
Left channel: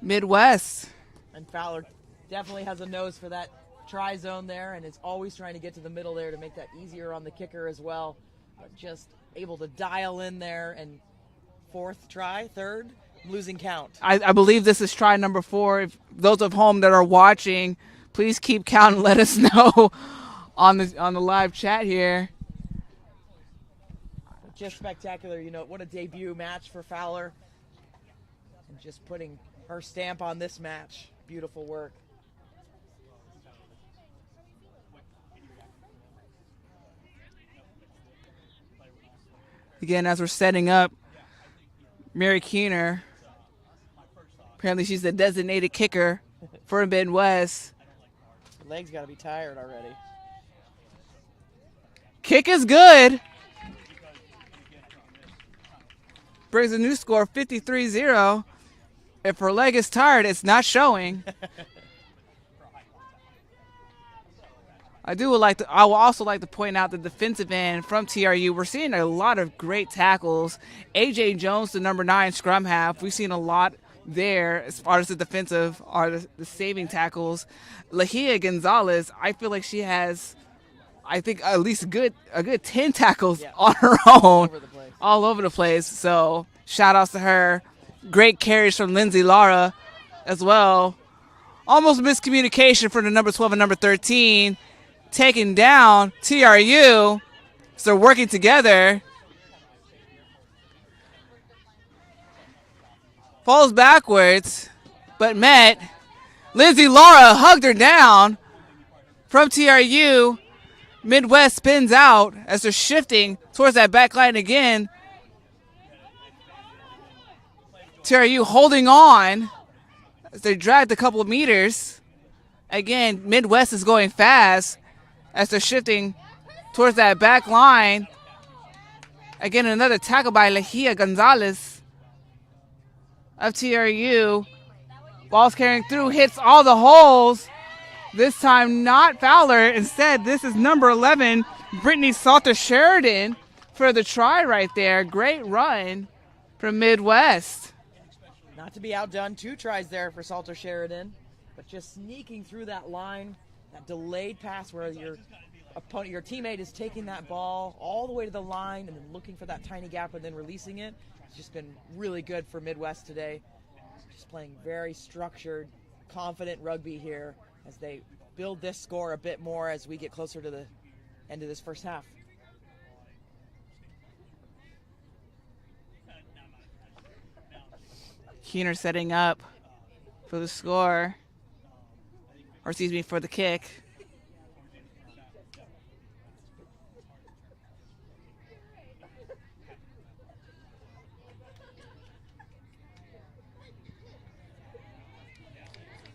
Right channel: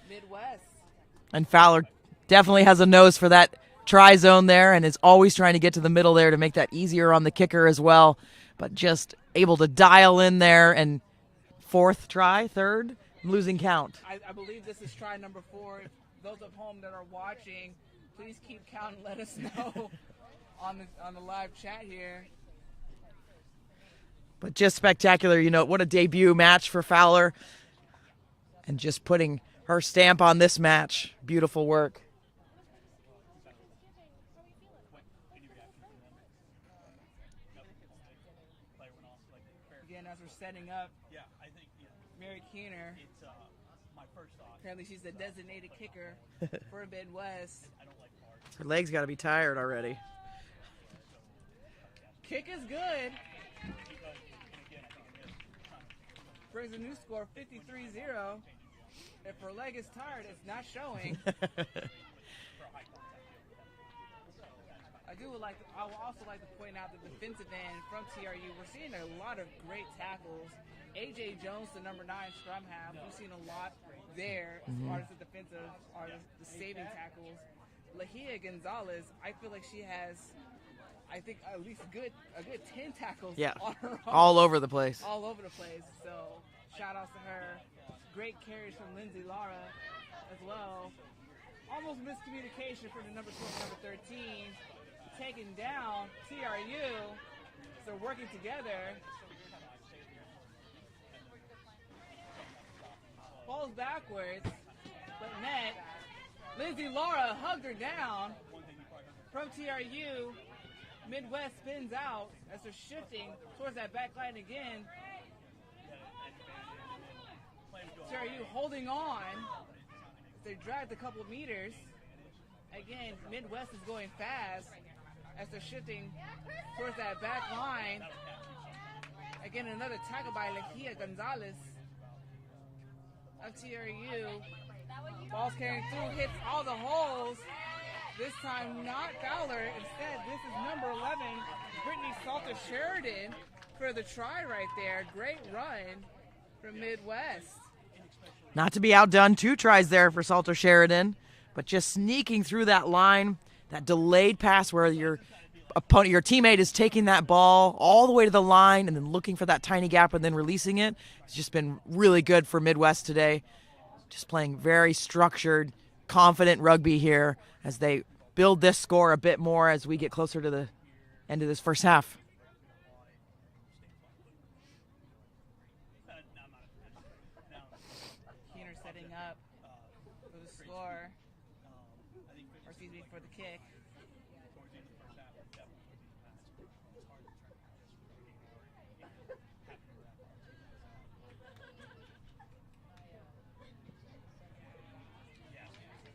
Midwest. And Fowler definitely has a nose for that try zone there and is always trying to get to the middle there to make that easier on the kicker as well. But just able to dial in there, and third try, I'm losing count. I believe this is try number 4. If those of home that are watching, please keep count and let us know on the live chat here. But just spectacular, what a debut match for Fowler. And just putting her stamp on this match. Beautiful work. Again, as we're setting up, Mary Keener, apparently she's the designated kicker for Midwest. Her legs got to be tired already. Kick is good. Brings a new score, 53-0. If her leg is tired, it's not showing. I will also like to point out the defensive end from TRU. We're seeing a lot of great tackles. AJ Jones, the number 9 scrum half. We've seen a lot there as far as the defensive or the saving tackles. Lahia Gonzalez, I feel like she has, I think, at least a good 10 tackles on her own. All over the place. All over the place. So shout outs to her. Great carries from Lindsay Lara as well. Almost miscommunication for the number 12 and number 13. Taking down TRU. So they're working together. Falls backwards, but met. Lindsay Lara hugged her down from TRU. Midwest spins out as they're shifting towards that back line again. TRU holding on as they dragged a couple of meters. Again, Midwest is going fast as they're shifting towards that back line. Again, another tackle by Lejia Gonzalez of TRU. Ball's carrying through, hits all the holes. This time not Fowler. Instead, this is number 11, Brittany Salter-Sheridan for the try right there. Great run from Midwest. Not to be outdone, 2 tries there for Salter-Sheridan, but just sneaking through that line, that delayed pass where your opponent, your teammate is taking that ball all the way to the line and then looking for that tiny gap and then releasing it. It's just been really good for Midwest today. Just playing very structured, confident rugby here as they build this score a bit more as we get closer to the end of this first half. Keener setting up for the score, or excuse me, for the kick.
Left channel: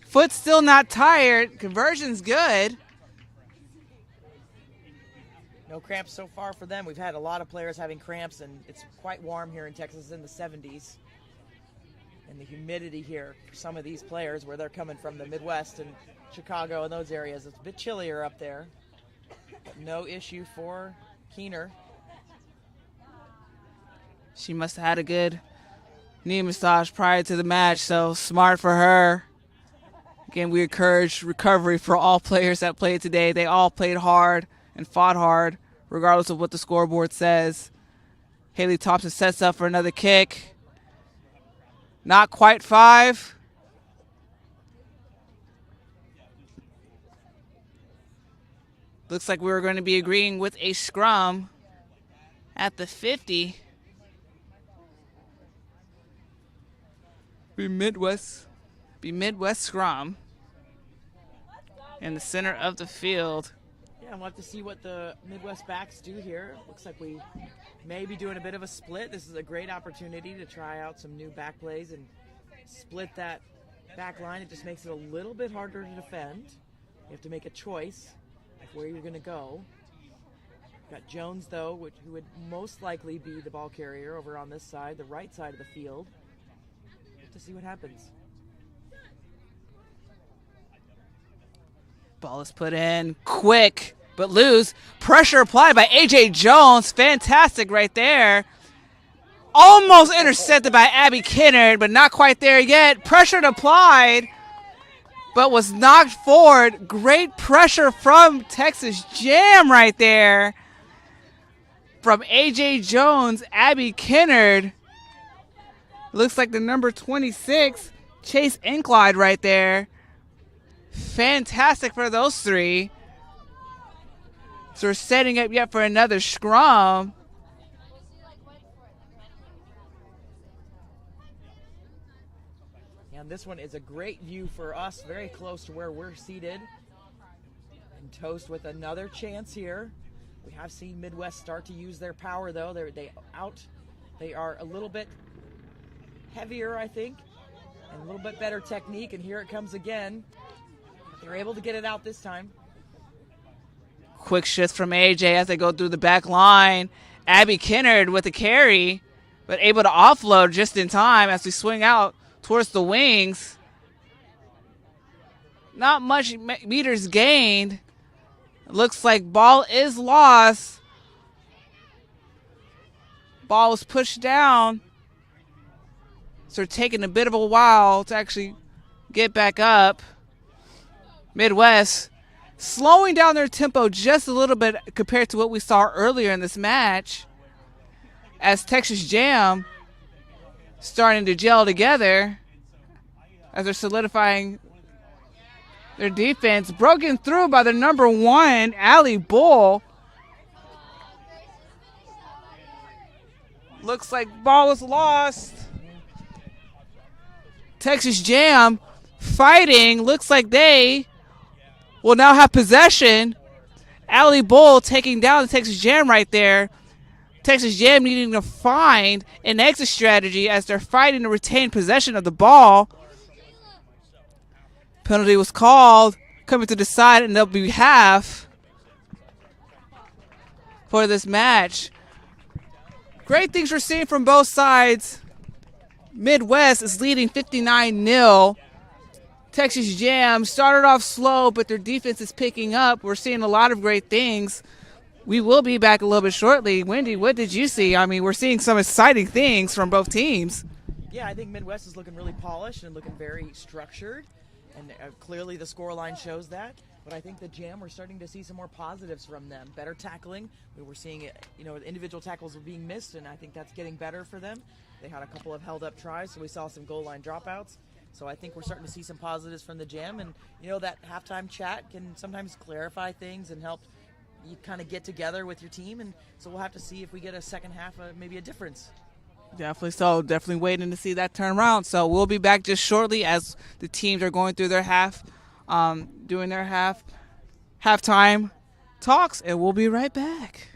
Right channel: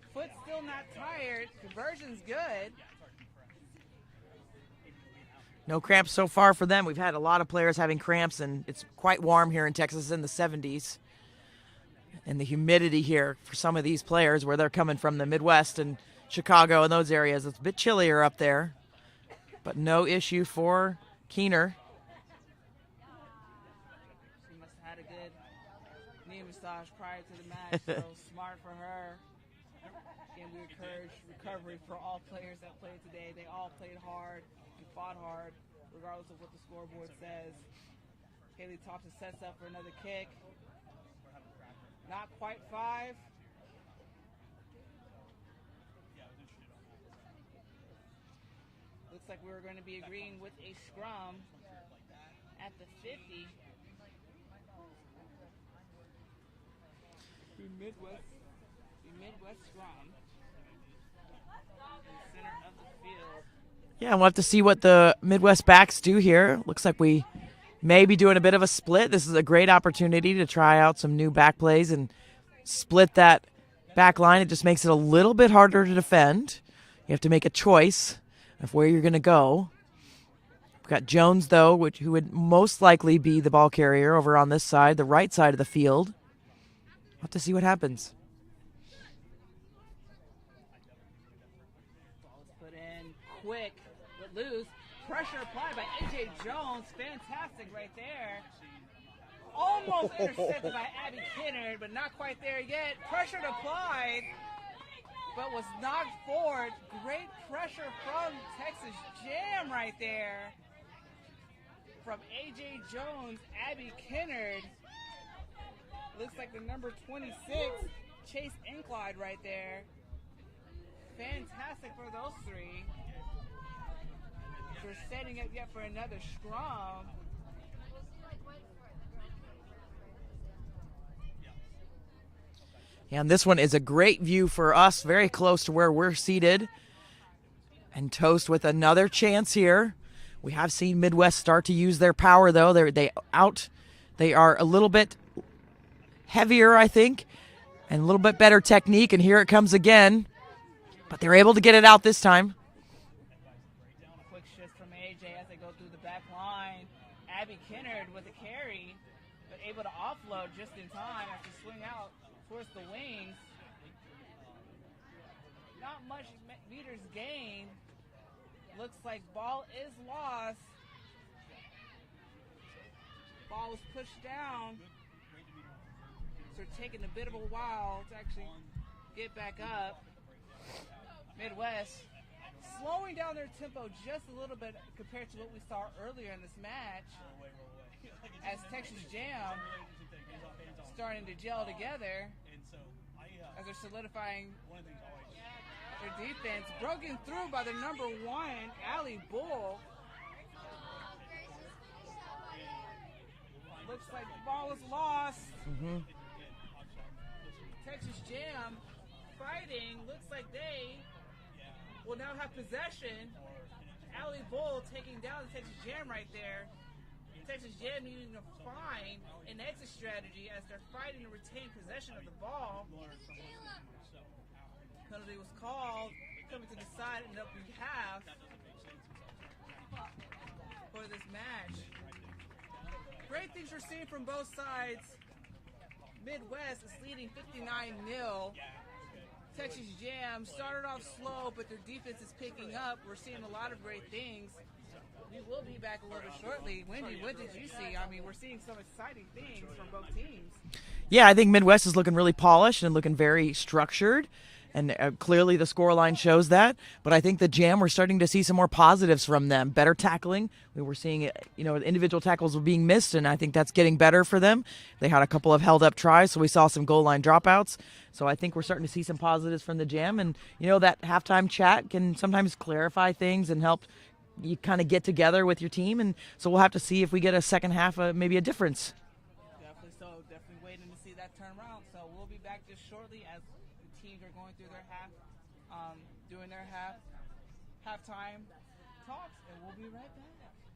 Foot still not tired. Conversion's good. No cramps so far for them. We've had a lot of players having cramps, and it's quite warm here in Texas in the 70s. And the humidity here for some of these players where they're coming from the Midwest and Chicago and those areas, it's a bit chillier up there. But no issue for Keener. She must have had a good knee massage prior to the match, so smart for her. Again, we encourage recovery for all players that played today. They all played hard and fought hard, regardless of what the scoreboard says. Haley Thompson sets up for another kick. Not quite 5. Looks like we were going to be agreeing with a scrum at the 50. Be Midwest scrum in the center of the field. Yeah, we'll have to see what the Midwest backs do here. Looks like we may be doing a bit of a split. This is a great opportunity to try out some new back plays and split that back line. It just makes it a little bit harder to defend. You have to make a choice of where you're going to go. We've got Jones, though, who would most likely be the ball carrier over on this side, the right side of the field. We'll have to see what happens. Ball is put in quick, but loose. Pressure applied by A.J. Jones. Fantastic right there. Almost intercepted by Abby Kennard, but not quite there yet. Pressure applied, but was knocked forward. Great pressure from Texas Jam right there. From A.J. Jones, Abby Kennard. Looks like the number 26, Chase Incline right there. Fantastic for those 3. So we're setting up yet for another scrum. And this one is a great view for us, very close to where we're seated. And Toast with another chance here. We have seen Midwest start to use their power, though. They are a little bit heavier, I think, and a little bit better technique. And here it comes again. But they're able to get it out this time. Quick shift from AJ as they go through the back line. Abby Kennard with the carry, but able to offload just in time as we swing out towards the wings. Not much meters gained. Looks like ball is lost. Ball was pushed down. So it's taking a bit of a while to actually get back up. Midwest slowing down their tempo just a little bit compared to what we saw earlier in this match, as Texas Jam starting to gel together as they're solidifying their defense. Broken through by the number 1, Allie Bull. Looks like ball was lost. Texas Jam fighting. Looks like they will now have possession. Allie Bull taking down the Texas Jam right there. Texas Jam needing to find an exit strategy as they're fighting to retain possession of the ball. Penalty was called, coming to decide, and there'll be half for this match. Great things we're seeing from both sides. Midwest is leading 59-0. Texas Jam started off slow, but their defense is picking up. We're seeing a lot of great things. We will be back a little bit shortly. Wendy, what did you see? I mean, we're seeing some exciting things from both teams. Yeah, I think Midwest is looking really polished and looking very structured. And clearly the scoreline shows that. But I think the Jam, we're starting to see some more positives from them. Better tackling. We were seeing, individual tackles were being missed, and I think that's getting better for them. They had a couple of held-up tries, so we saw some goal line dropouts. So I think we're starting to see some positives from the Jam. And, that halftime chat can sometimes clarify things and help you kind of get together with your team. And so we'll have to see if we get a second half, maybe a difference. Definitely so. Definitely waiting to see that turn around. So we'll be back just shortly as the teams are going through their doing their halftime talks, and we'll be right back.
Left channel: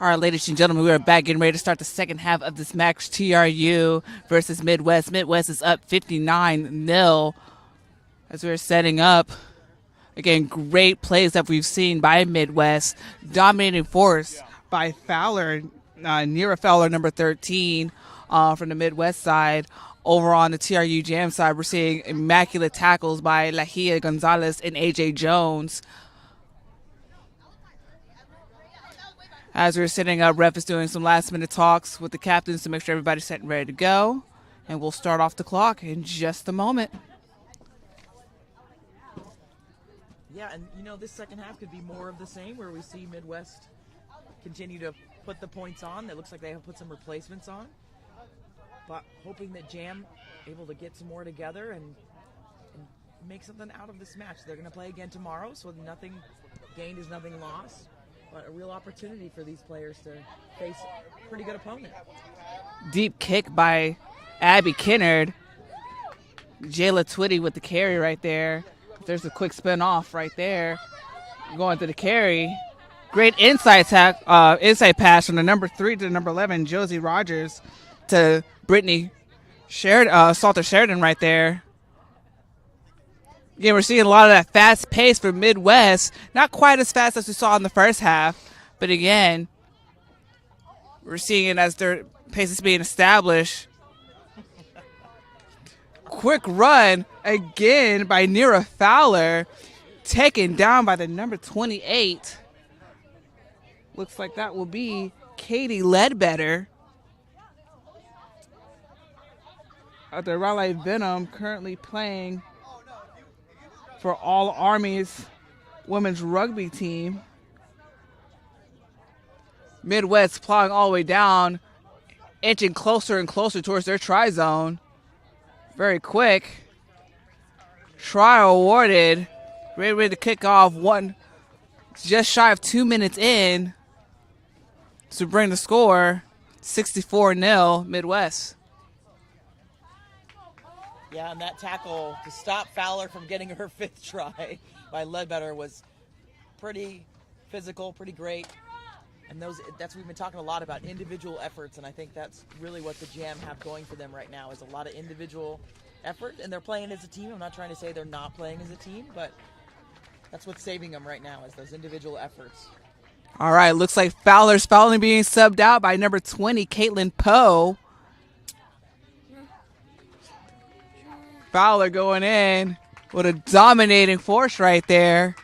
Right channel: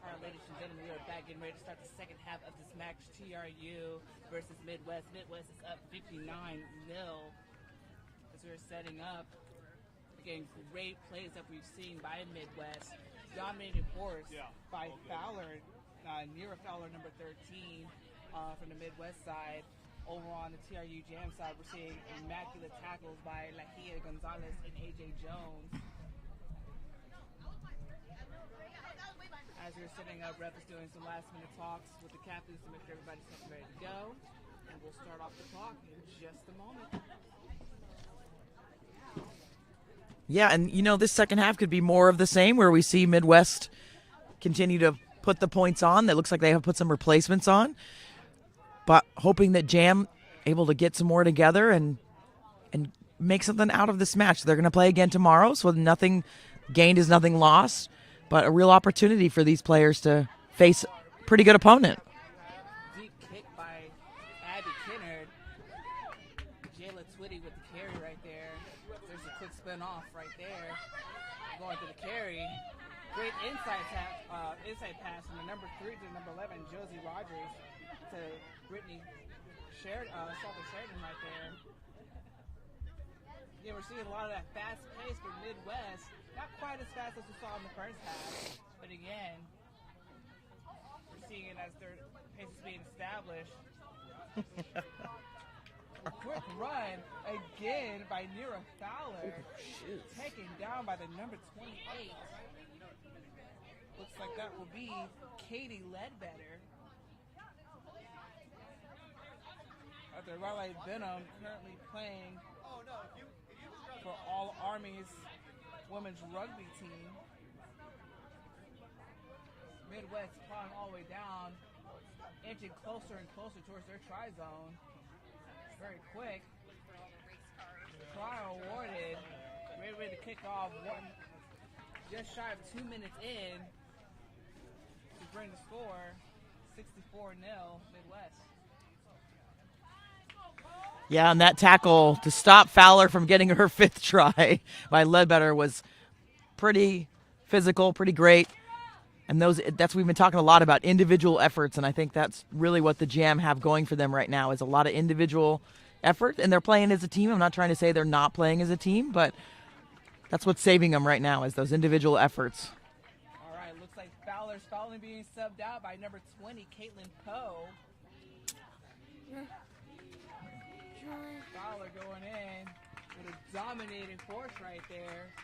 All right, ladies and gentlemen, we are back getting ready to start the second half of this match. TRU versus Midwest. Midwest is up 59-0 as we're setting up. Again, great plays that we've seen by Midwest. Dominating force by Fowler, Nira Fowler, number 13, from the Midwest side. Over on the TRU Jam side, we're seeing immaculate tackles by Lahia Gonzalez and AJ Jones. As we're setting up, ref is doing some last-minute talks with the captains to make sure everybody's set and ready to go. And we'll start off the clock in just a moment. Yeah, and this second half could be more of the same, where we see Midwest continue to put the points on. That looks like they have put some replacements on. But hoping that Jam able to get some more together and make something out of this match. They're going to play again tomorrow, so nothing gained is nothing lost. But a real opportunity for these players to face a pretty good opponent. Deep kick by Abby Kinnard. Jayla Twitty with the carry right there. There's a quick spin off right there. Going to the carry. Great inside pass from the number 3 to the number 11, Josie Rogers, to Brittany Salter Sheridan right there. Again, we're seeing a lot of that fast pace for Midwest. Not quite as fast as we saw in the first half, but again, we're seeing it as their pace is being established. Quick run again by Nira Fowler, taken down by the number 28. Looks like that will be Katie Ledbetter. The Raleigh Venom currently playing for All Armies women's rugby team. Midwest plowing all the way down, inching closer and closer towards their try zone. Very quick. Try awarded. Ready to kick off. Just shy of 2 minutes in to bring the score 64-0 Midwest. Yeah, and that tackle to stop Fowler from getting her 5th try by Ledbetter was pretty physical, pretty great. And we've been talking a lot about individual efforts, and I think that's really what the Jam have going for them right now, is a lot of individual effort, and they're playing as a team. I'm not trying to say they're not playing as a team, but that's what's saving them right now, is those individual efforts. All right, looks like Fowler's finally being subbed out by number 20, Caitlin Poe. Fowler going in with a dominating force right there.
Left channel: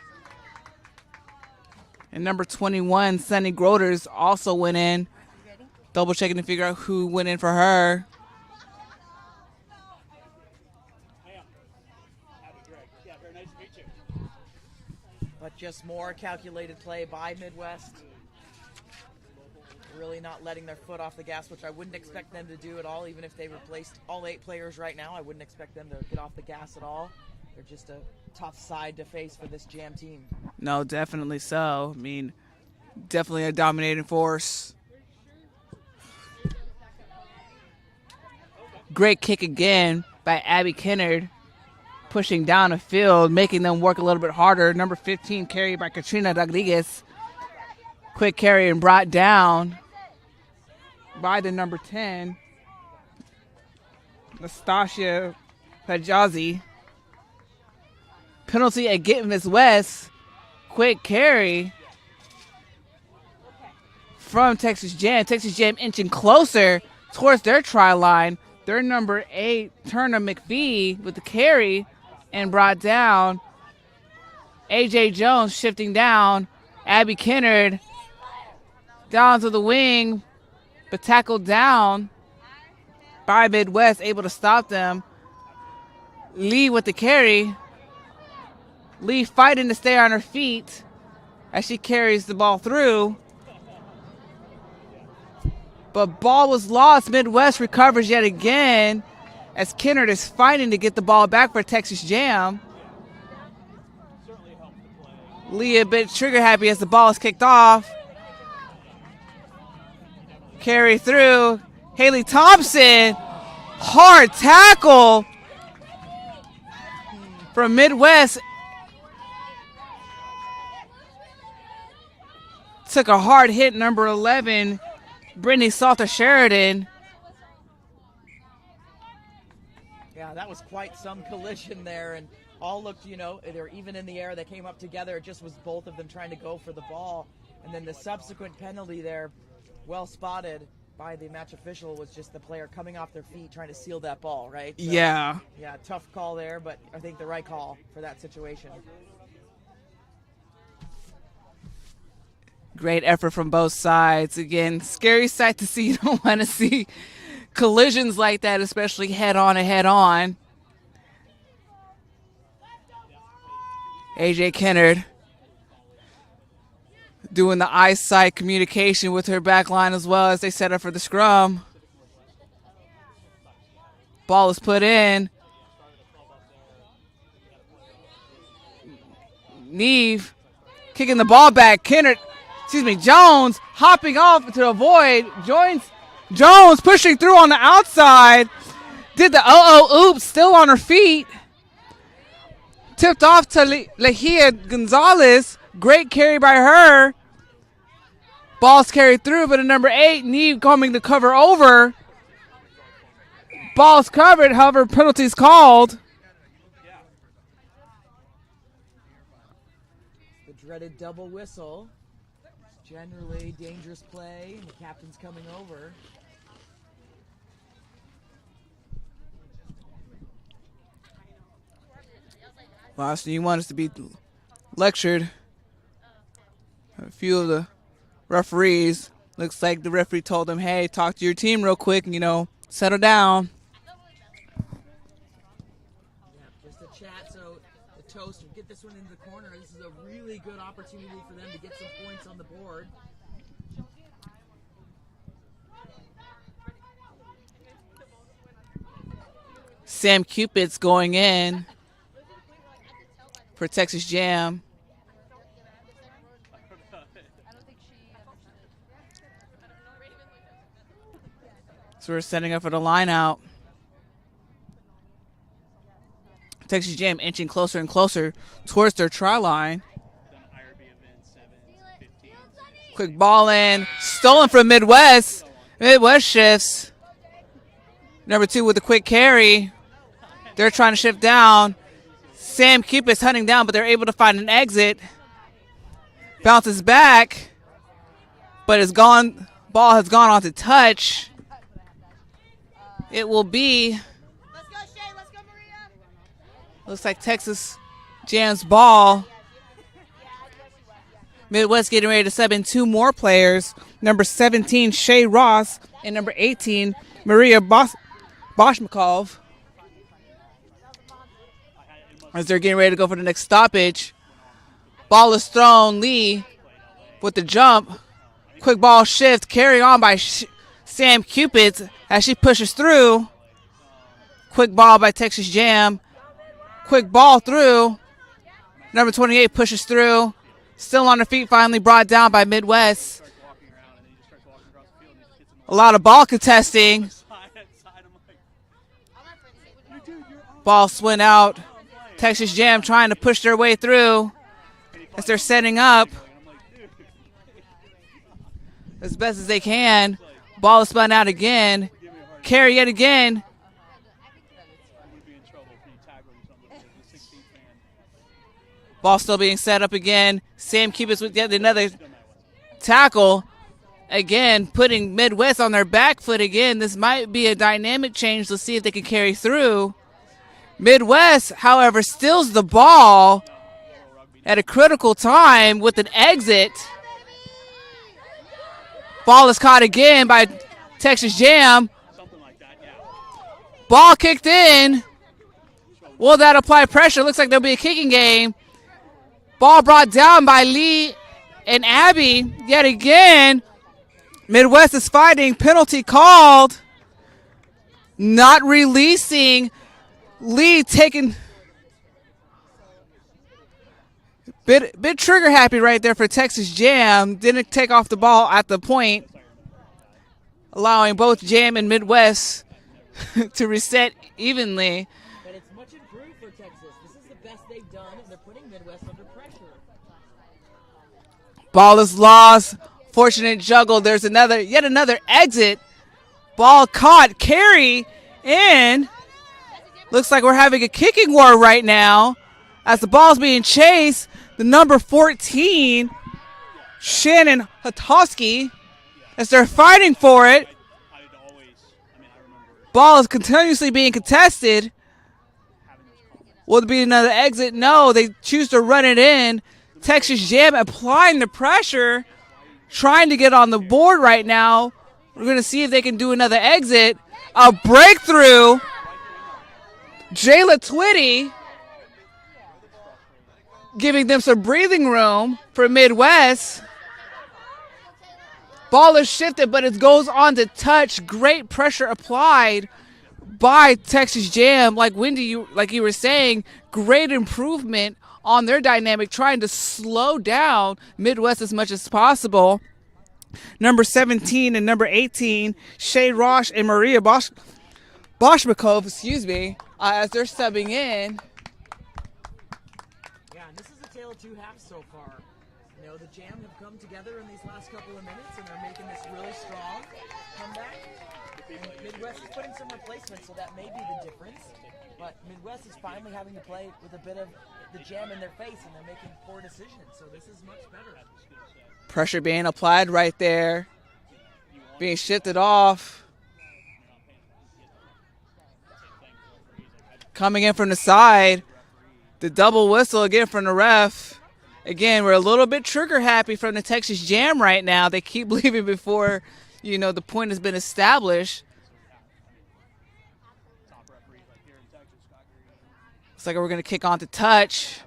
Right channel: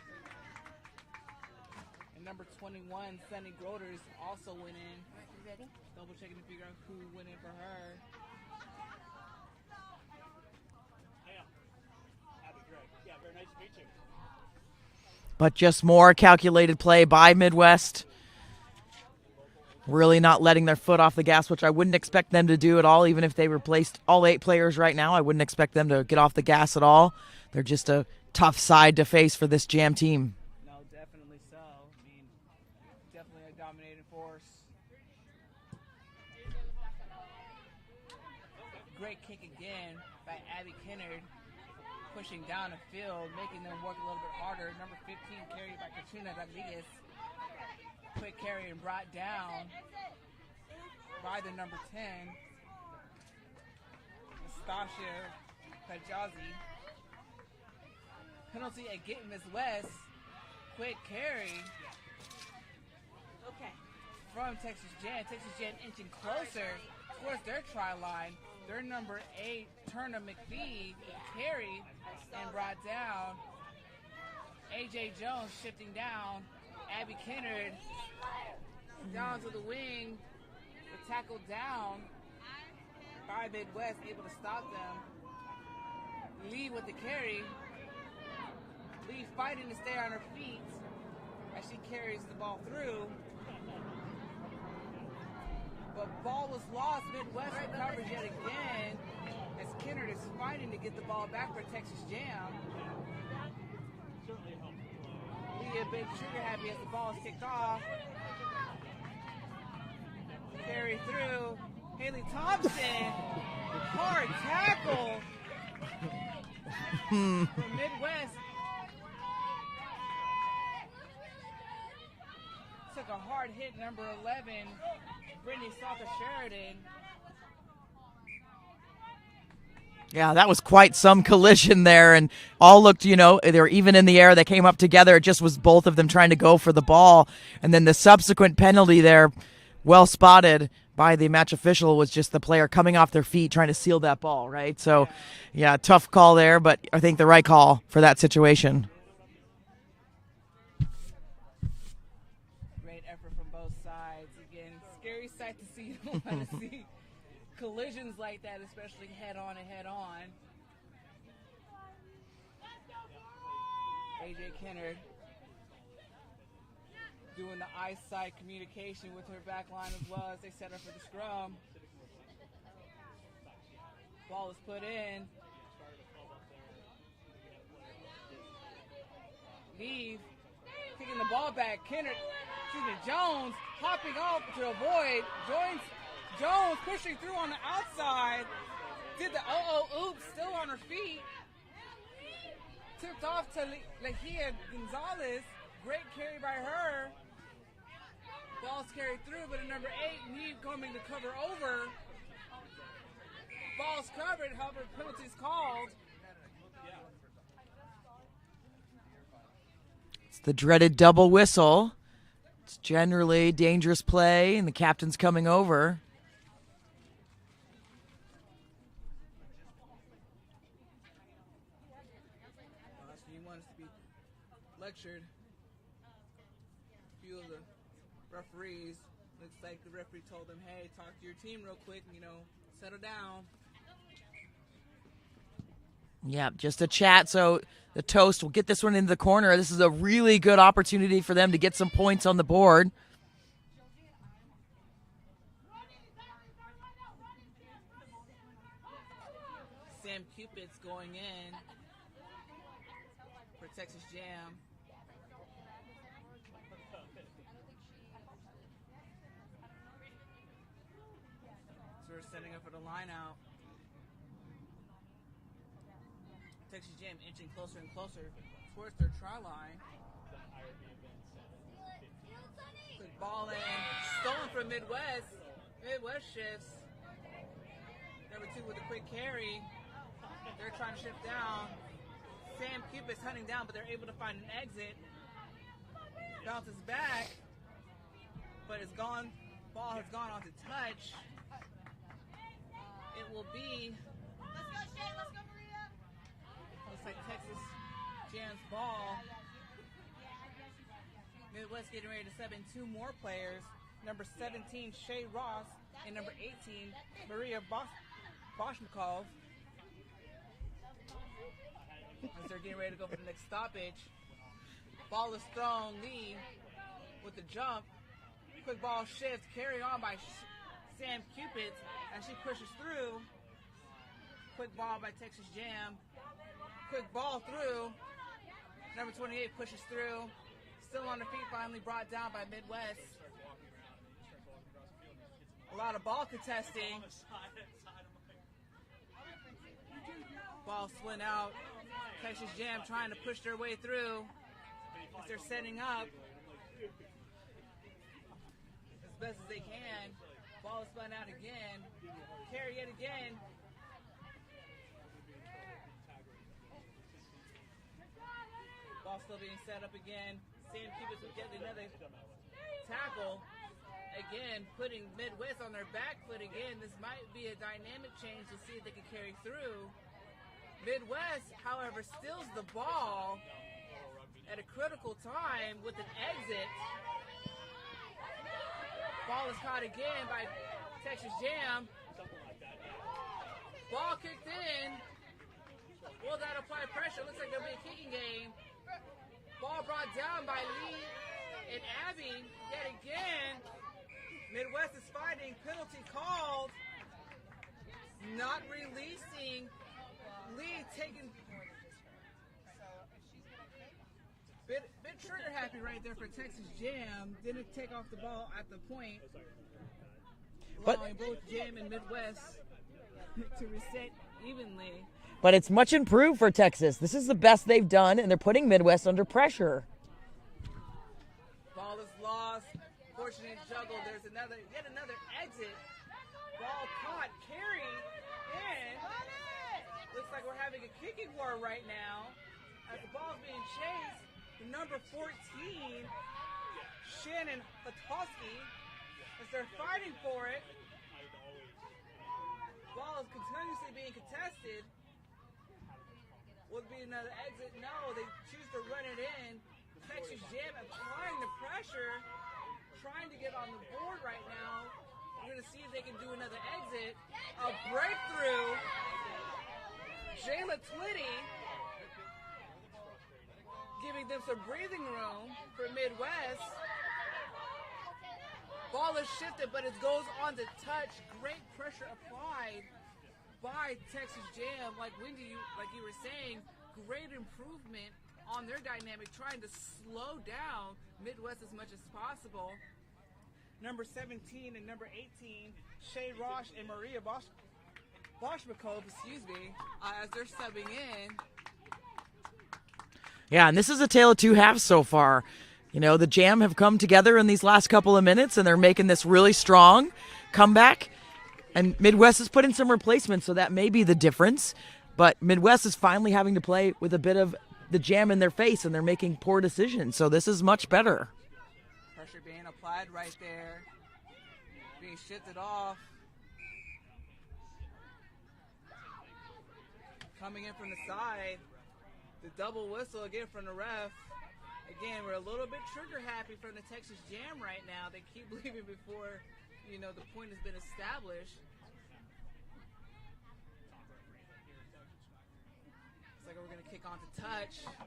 And number 21, Sunny Groders, also went in. Double checking to figure out who went in for her. But just more calculated play by Midwest. Really not letting their foot off the gas, which I wouldn't expect them to do at all. Even if they replaced all 8 players right now, I wouldn't expect them to get off the gas at all. They're just a tough side to face for this Jam team. No, definitely so. I mean, definitely a dominating force. Great kick again by Abby Kinnard, pushing down the field, making them work a little bit harder. Number 15 carry by Katrina Rodriguez. Quick carry and brought down by the number 10, Nastasia Pajazi. Penalty against Miss West. Quick carry from Texas Jam. Texas Jam inching closer towards their try line. Their number 8, Turner McPhee, with the carry and brought down. AJ Jones shifting down. Abby Kinnard down to the wing, but tackled down by Midwest, able to stop them. Lee with the carry. Lee fighting to stay on her feet as she carries the ball through. But ball was lost. Midwest recovers yet again as Kinnard is fighting to get the ball back for Texas Jam. Lee a bit trigger happy as the ball is kicked off. Carry through. Haley Thompson. Hard tackle from Midwest. took a hard hit, number 11, Brittany Salter Sheridan. Yeah, that was quite some collision there, and all looked, they were even in the air. They came up together. It just was both of them trying to go for the ball. And then the subsequent penalty there, well spotted by the match official, was just the player coming off their feet trying to seal that ball, right? So, yeah, tough call there, but I think the right call for that situation. Great effort from both sides. Again, scary sight to see. You don't want to see collisions like that, especially head-on and head-on. AJ Kennard doing the eyesight communication with her back line as well as they set up for the scrum. Ball is put in. Neve kicking the ball back. Jones hopping off to avoid. Jones pushing through on the outside. Did the oops, still on her feet. Tipped off to Lehia Gonzalez. Great carry by her. Ball's carried through, but a number 8, Neve coming to cover over. Ball's covered, however, penalties called. It's the dreaded double whistle. It's generally dangerous play, and the captain's coming over. Last thing you want is to be lectured. A few of the referees, looks like the referee told them, hey, talk to your team real quick and, settle down. Yeah, just a chat. So the Toast will get this one into the corner. This is a really good opportunity for them to get some points on the board. Sam Cupid's going in for Texas Jam. So we're setting up for the line out. Texas Jam inching closer and closer towards their try line. Quick ball in. Stolen from Midwest. Midwest shifts. Number 2 with a quick carry. They're trying to shift down. Sam Cupid's hunting down, but they're able to find an exit. Bounces back, but it's gone. Ball has gone on to touch. It will be. Looks like Texas Jam's ball. Midwest getting ready to sub in 2 more players. Number 17, Shay Ross, and number 18, Maria Boshmakov. As they're getting ready to go for the next stoppage. Ball is thrown. Lee with the jump. Quick ball shift. Carry on by Sam Cupid as she pushes through. Quick ball by Texas Jam. Quick ball through. Number 28 pushes through. Still on her feet, finally brought down by Midwest. A lot of ball contesting. Ball swing out. Texas Jam trying to push their way through as they're setting up as best as they can. Ball is spun out again. Carry yet again. Ball still being set up again. Sam Cupid's with yet another tackle. Again, putting Midwest on their back foot again. This might be a dynamic change. Let's see if they can carry through. Midwest, however, steals the ball at a critical time with an exit. Ball is caught again by Texas Jam. Ball kicked in. Will that apply pressure? Looks like there'll be a kicking game. Ball brought down by Lee and Abby yet again. Midwest is fighting. Penalty called. Not releasing. Lee taking bit trigger happy right there for Texas Jam. Didn't take off the ball at the point, allowing both Jam and Midwest to reset evenly. But it's much improved for Texas. This is the best they've done, and they're putting Midwest under pressure. Ball is lost. Fortunate juggle. There's yet another exit. Ball caught. Carry in. Looks like we're having a kicking war right now as the ball's being chased. The number 14, Shannon Hatosky, as they're fighting for it. Ball is continuously being contested. Will there be another exit? No, they choose to run it in. Texas Jam applying the pressure, trying to get on the board right now. We're going to see if they can do another exit. A breakthrough. Jayla Twitty giving them some breathing room for Midwest. Ball is shifted, but it goes on to touch. Great pressure applied by Texas Jam. Like Wendy, like you were saying, great improvement on their dynamic, trying to slow down Midwest as much as possible. Number 17 and number 18, Shay Rosh and Maria Boshmakov, as they're subbing in. Yeah, and this is a tale of two halves so far. You know, the Jam have come together in these last couple of minutes, and they're making this really strong comeback. And Midwest has put in some replacements, so that may be the difference. But Midwest is finally having to play with a bit of the Jam in their face, and they're making poor decisions. So this is much better. Pressure being applied right there, being shifted off. Coming in from the side, the double whistle again from the ref. Again, we're a little bit trigger happy from the Texas Jam right now. They keep leaving before, the point has been established. Looks like we're going to kick on to touch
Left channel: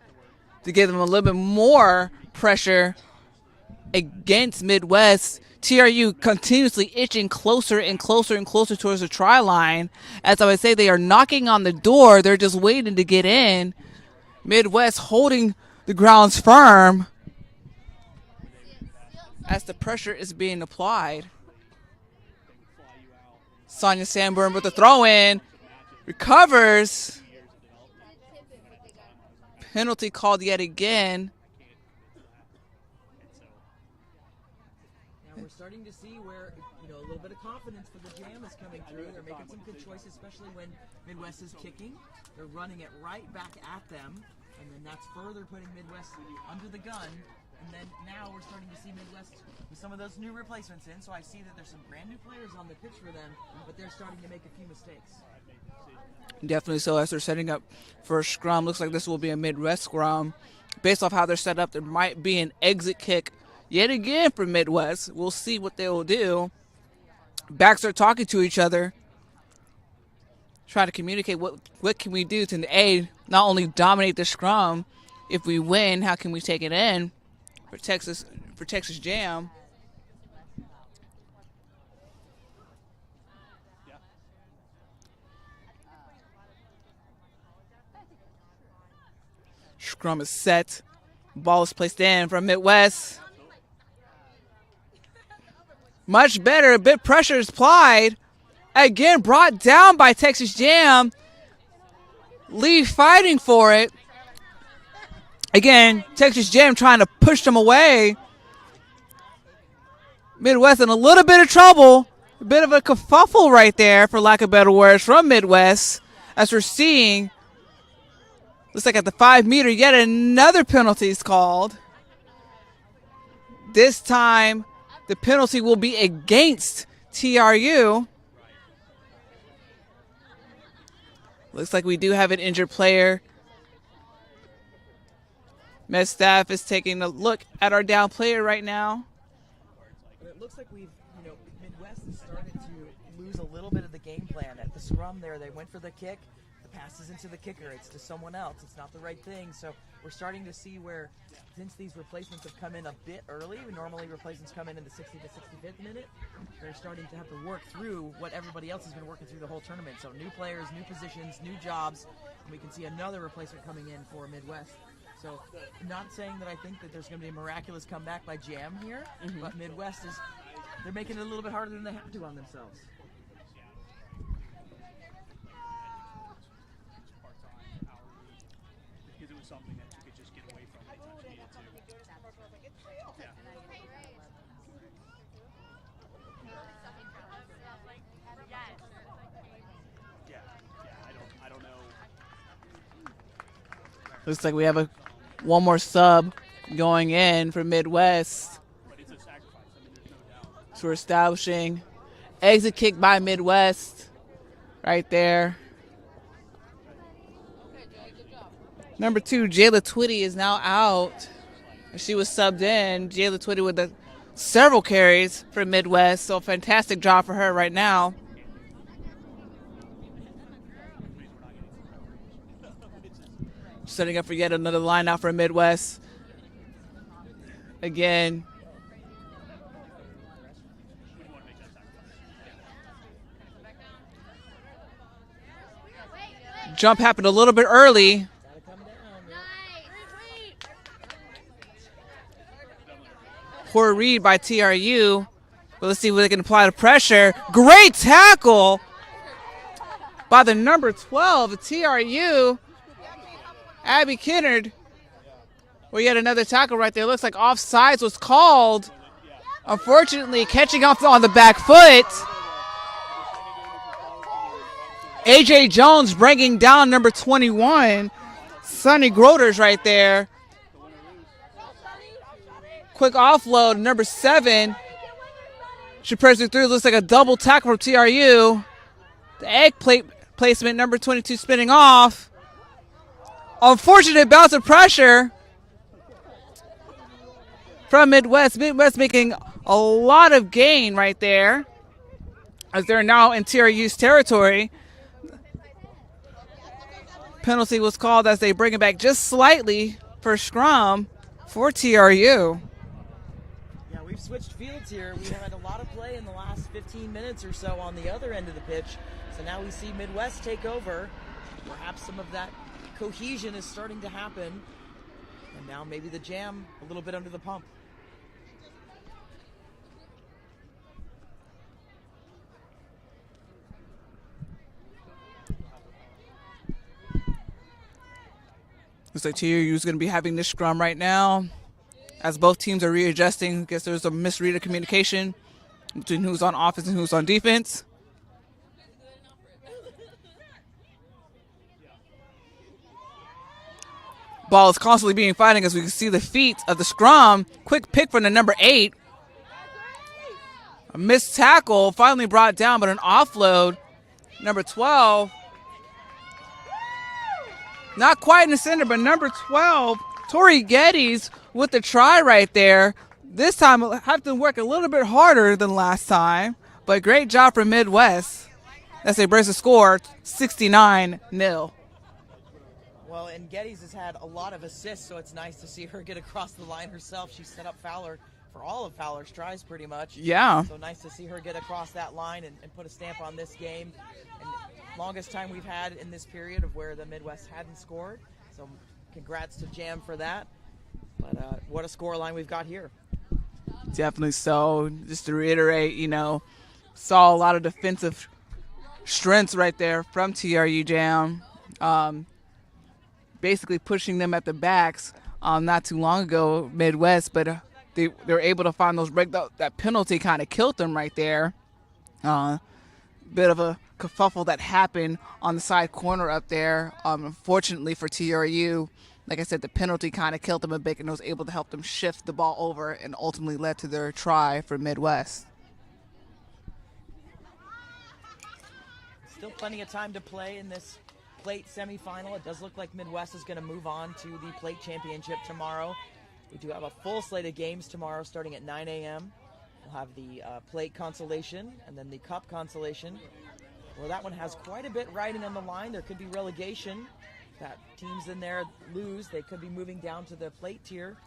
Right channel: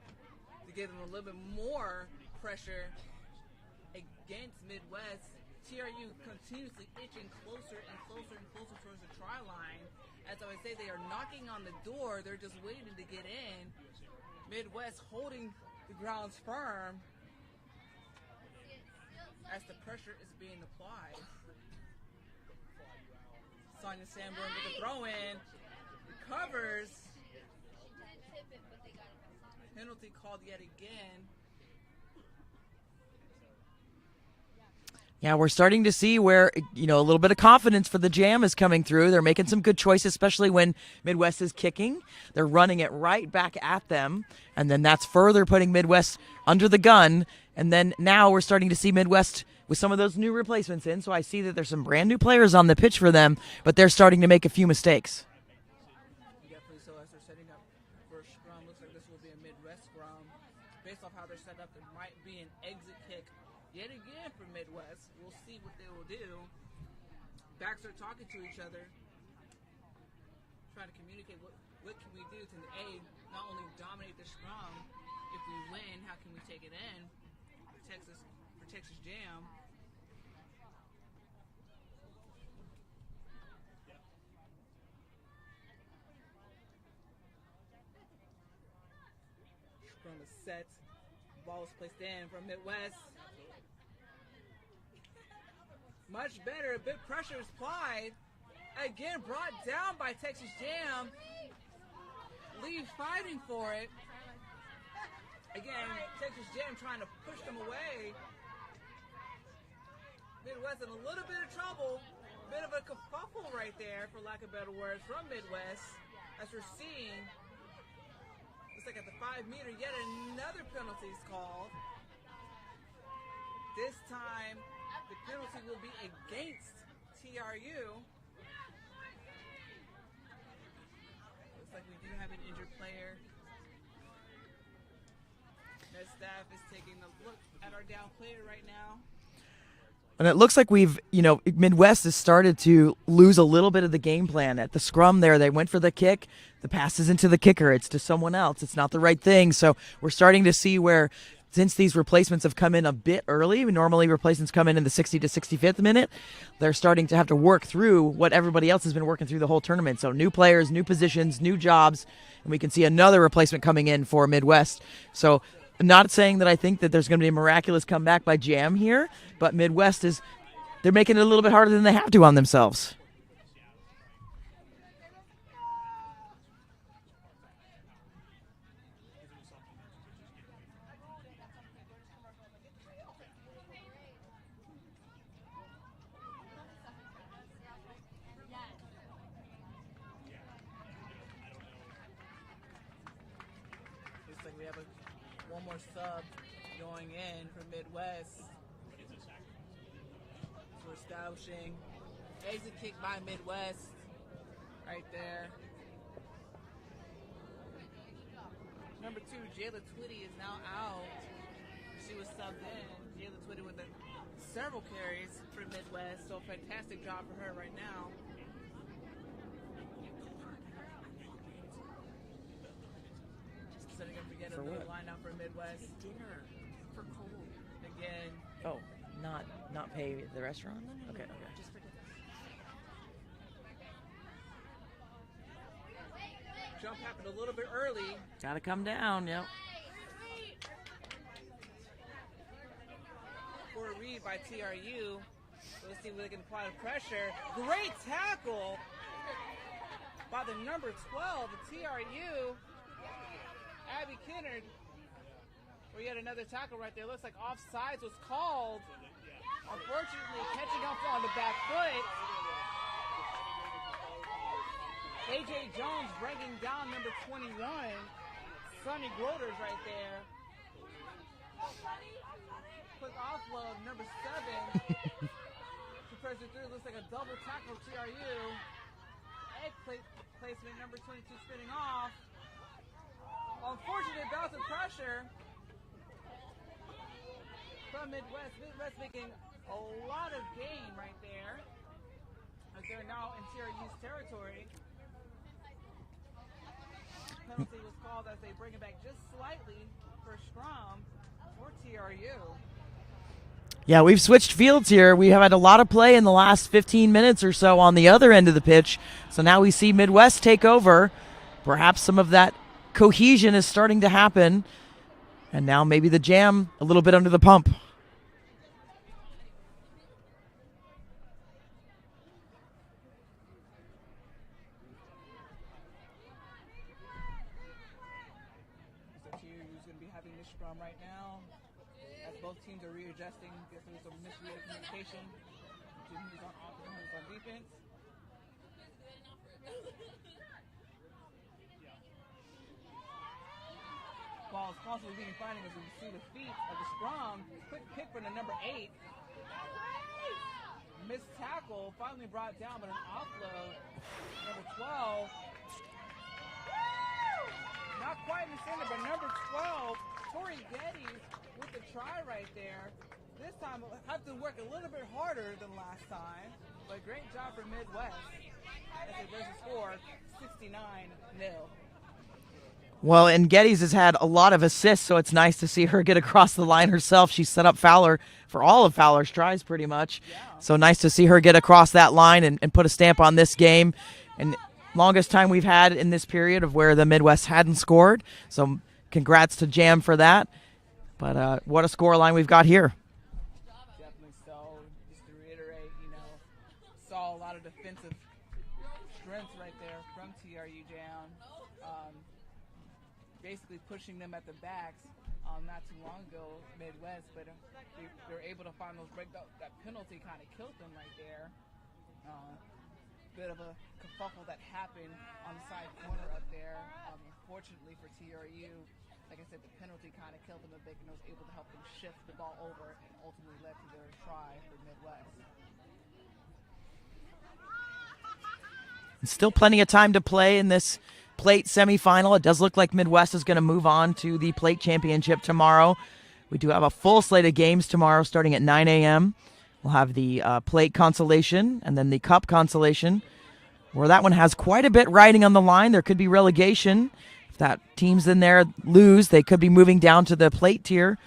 to give them a little bit more pressure against Midwest. TRU continuously itching closer and closer and closer towards the try line. As I would say, they are knocking on the door. They're just waiting to get in. Midwest holding the grounds firm as the pressure is being applied. Sonia Sanborn with the throw-in. Recovers. Penalty called yet again. Yeah, we're starting to see where, a little bit of confidence for the Jam is coming through. They're making some good choices, especially when Midwest is kicking. They're running it right back at them, and then that's further putting Midwest under the gun. And then now we're starting to see Midwest with some of those new replacements in, so I see that there's some brand new players on the pitch for them, but they're starting to make a few mistakes. Definitely so, as they're setting up for a scrum. Looks like this will be a Midwest scrum. Based off how they're set up, there might be an exit kick yet again for Midwest. We'll see what they will do. Backs are talking to each other, trying to communicate what can we do to not only dominate the scrum. If we win, how can we take it in for Texas Jam? Scrum is set. Ball is placed in from Midwest. Much better. A bit pressure is applied. Again, brought down by Texas Jam. Lee fighting for it. Again, Texas Jam trying to push them away. Midwest in a little bit of trouble. A bit of a kerfuffle right there, for lack of better words, from Midwest. As we're seeing, looks like at the 5-meter, yet another penalty is called. This time, the penalty will be against TRU. Looks like we do have an injured player. Med staff is taking a look at our down player right now. And it looks like Midwest has started to lose a little bit of the game plan. At the scrum there, they went for the kick. The pass is into the kicker. It's to someone else. It's not the right thing. So we're starting to see where, since these replacements have come in a bit early, normally replacements come in the 60 to 65th minute, they're starting to have to work through what everybody else has been working through the whole tournament. So new players, new positions, new jobs, and we can see another replacement coming in for Midwest. So I'm not saying that I think that there's going to be a miraculous comeback by Jam here, but Midwest they're making it a little bit harder than they have to on themselves. Looks like we have one more sub going in for Midwest. So we're establishing exit kick by Midwest right there. Number 2, Jayla Twitty is now out. She was subbed in. Jayla Twitty with several carries for Midwest, so fantastic job for her right now. Setting up for yet another line out for Midwest. Again. Oh, not pay the restaurant? Okay. Jump happened a little bit early. Gotta come down, yep. Poor read by TRU. But let's see what they can apply the pressure. Great tackle by the number 12 of TRU, Abby Kennard. Well, yet another tackle right there. Looks like offsides was called. Unfortunately, catching off on the back foot. AJ Jones bringing down number 21, Sonny Groders right there. Quick offload, number 7. She presses through. Looks like a double tackle from TRU. The egg plate placement, number 22 spinning off. Unfortunate bounce of pressure from Midwest. Midwest making a lot of gain right there as they're now in TRU's territory. Penalty was called as they bring it back just slightly for scrum for TRU. Yeah, we've switched fields here. We have had a lot of play in the last 15 minutes or so on the other end of the pitch. So now we see Midwest take over. Perhaps some of that cohesion is starting to happen. And now maybe the Jam a little bit under the pump. Looks like TRU is going to be having this scrum right now as both teams are readjusting. I guess there's a misread of communication between who's on offense and who's on defense. Ball is constantly being fighting as we can see the feet of the scrum. Quick pick from the number 8. A missed tackle, finally brought down, but an offload. Number 12. Not quite in the center, but number 12, Tori Geddes with the try right there. This time we'll have to work a little bit harder than last time, but great job from Midwest as they brace the score 69-0. Well, and Geddes has had a lot of assists, so it's nice to see her get across the line herself. She set up Fowler for all of Fowler's tries pretty much. Yeah. So nice to see her get across that line and put a stamp on this game. And longest time we've had in this period of where the Midwest hadn't scored. So congrats to Jam for that. But what a score line we've got here. Definitely so. Just to reiterate, saw a lot of defensive strengths right there from TRU Jam. Basically pushing them at the backs not too long ago, Midwest, but they were able to find those break. That penalty kind of killed them right there. Bit of a kerfuffle that happened on the side corner up there. Unfortunately for TRU, like I said, the penalty kind of killed them a bit and was able to help them shift the ball over and ultimately led to their try for Midwest. Still plenty of time to play in this plate semifinal. It does look like Midwest is going to move on to the plate championship tomorrow. We do have a full slate of games tomorrow starting at 9 a.m. We'll have the plate consolation and then the cup consolation, where that one has quite a bit riding on the line. There could be relegation. If that teams in there lose, they could be moving down to the plate tier.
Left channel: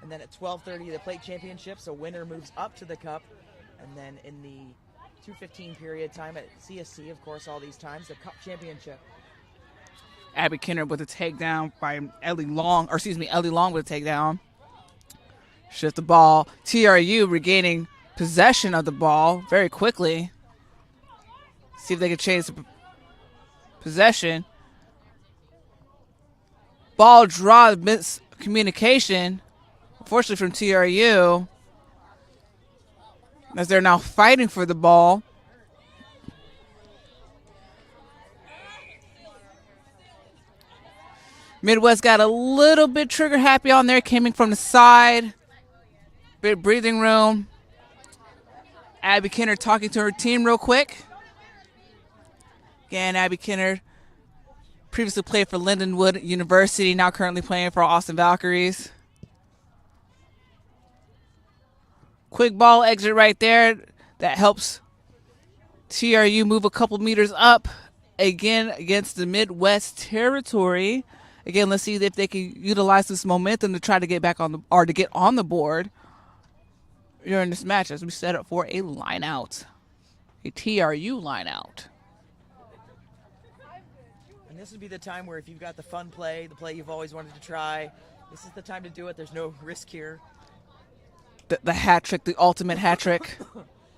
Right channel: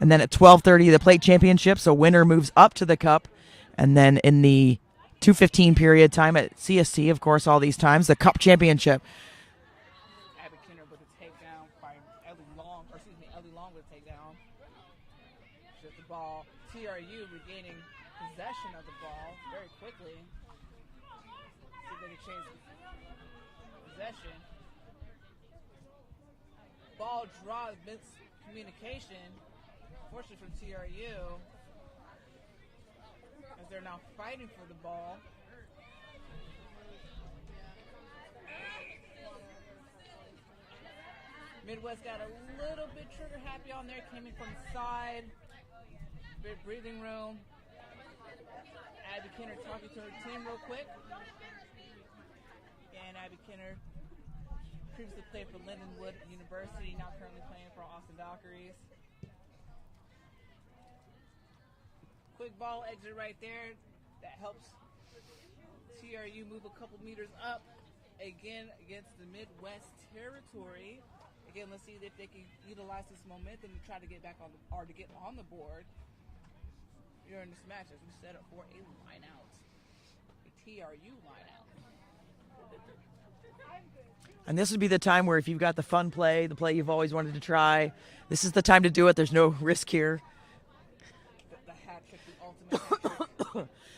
And then at 12:30, the plate championship, so winner moves up to the cup. And then in the 2:15 period time at CSC, of course, all these times, the cup championship. Abby Kennard with a takedown by Ellie Long with a takedown. Shift the ball. TRU regaining possession of the ball very quickly. See if they can change the possession. Ball draw, miscommunication, unfortunately from TRU, as they're now fighting for the ball. Midwest got a little bit trigger happy on there, coming from the side. Bit breathing room. Abby Kinner talking to her team real quick. Again, Abby Kinner previously played for Lindenwood University, now currently playing for Austin Valkyries. Quick ball exit right there. That helps TRU move a couple meters up again against the Midwest territory. Again, let's see if they can utilize this momentum to try to get back on the or to get on the board during this match as we set up for a line out, a TRU line out. And this would be the time where if you've got the fun play, the play you've always wanted to try, this is the time to do it. There's no risk here. The hat trick, the ultimate hat trick.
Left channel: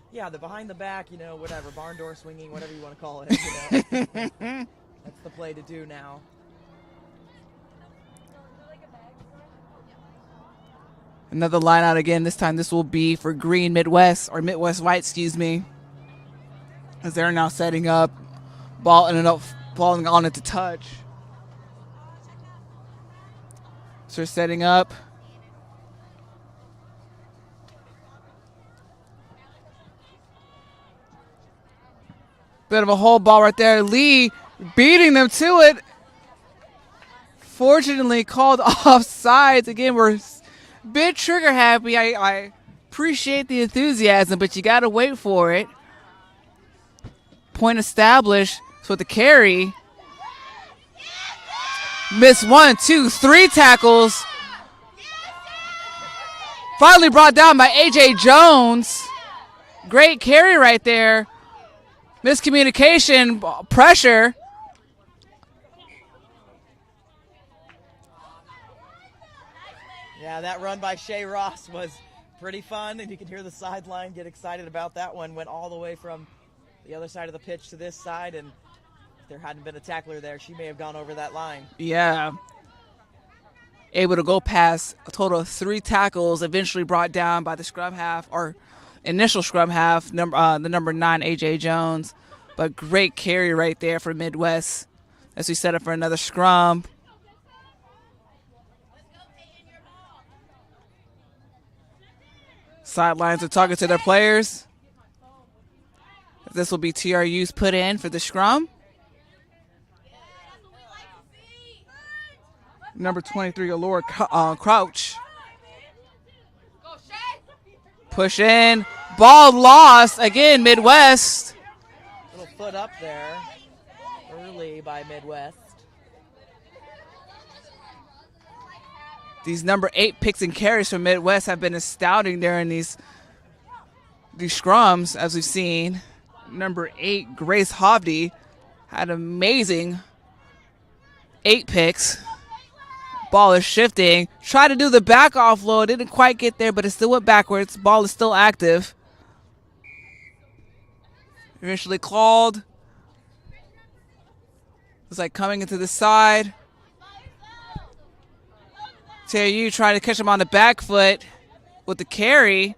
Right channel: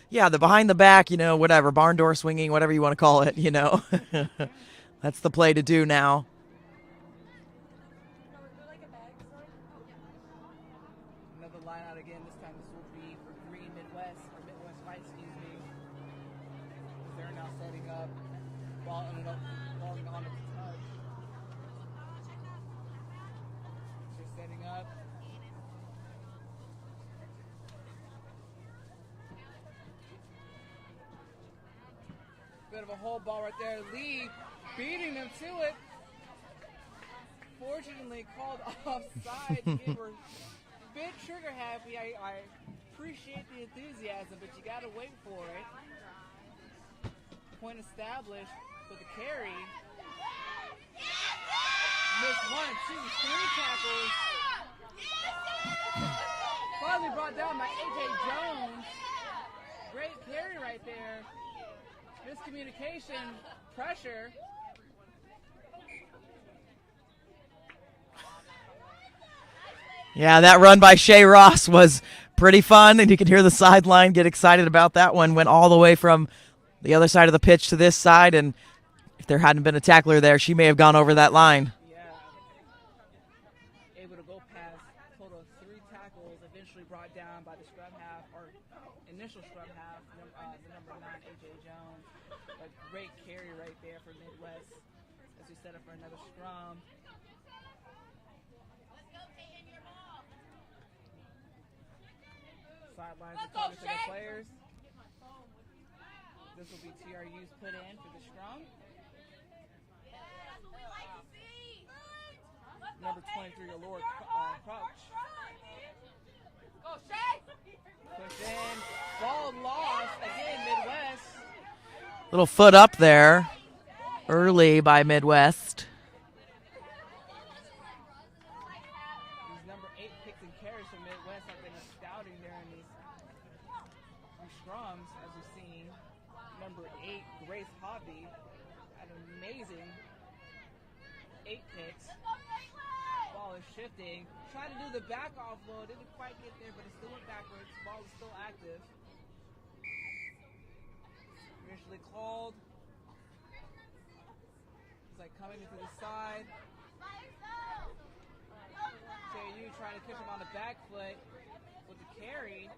Yeah, the behind the back, whatever, barn door swinging, whatever you want to call it, That's the play to do now. Another line out again. This time this will be for Green Midwest, or Midwest White, excuse me. As they're now setting up. Ball ended up falling on it to touch. So they're setting up. Bit of a hole ball right there. Lee beating them to it. Fortunately called offsides. Again, we're a bit trigger happy. I appreciate the enthusiasm, but you got to wait for it. Point established. So the carry. Missed 1, 2, 3 tackles. Finally brought down by A.J. Jones. Great carry right there. Miscommunication, pressure. Yeah, that run by Shea Ross was pretty fun, and you can hear the sideline get excited about that one. Went all the way from the other side of the pitch to this side, and if there hadn't been a tackler there, she may have gone over that line. Yeah. Able to go past a total of 3 tackles, eventually brought down by the scrum half, or initial scrum half, the number 9, A.J. Jones. But great carry right there for Midwest as we set up for another scrum. Sidelines are talking to their players. This will be TRU's put in for the scrum. Number 23, Allura Crouch. Push in. Ball lost. Again, Midwest. Little foot up there early by Midwest. These number 8 picks and carries from Midwest have been astounding there in these scrums, as we've seen. Number 8, Grace Hovde, had amazing 8 picks. Ball is shifting. Tried to do the back offload. Didn't quite get there, but it still went backwards. Ball is still active. Eventually called. It's like coming into the side. TRU trying to catch him on the back foot with the carry.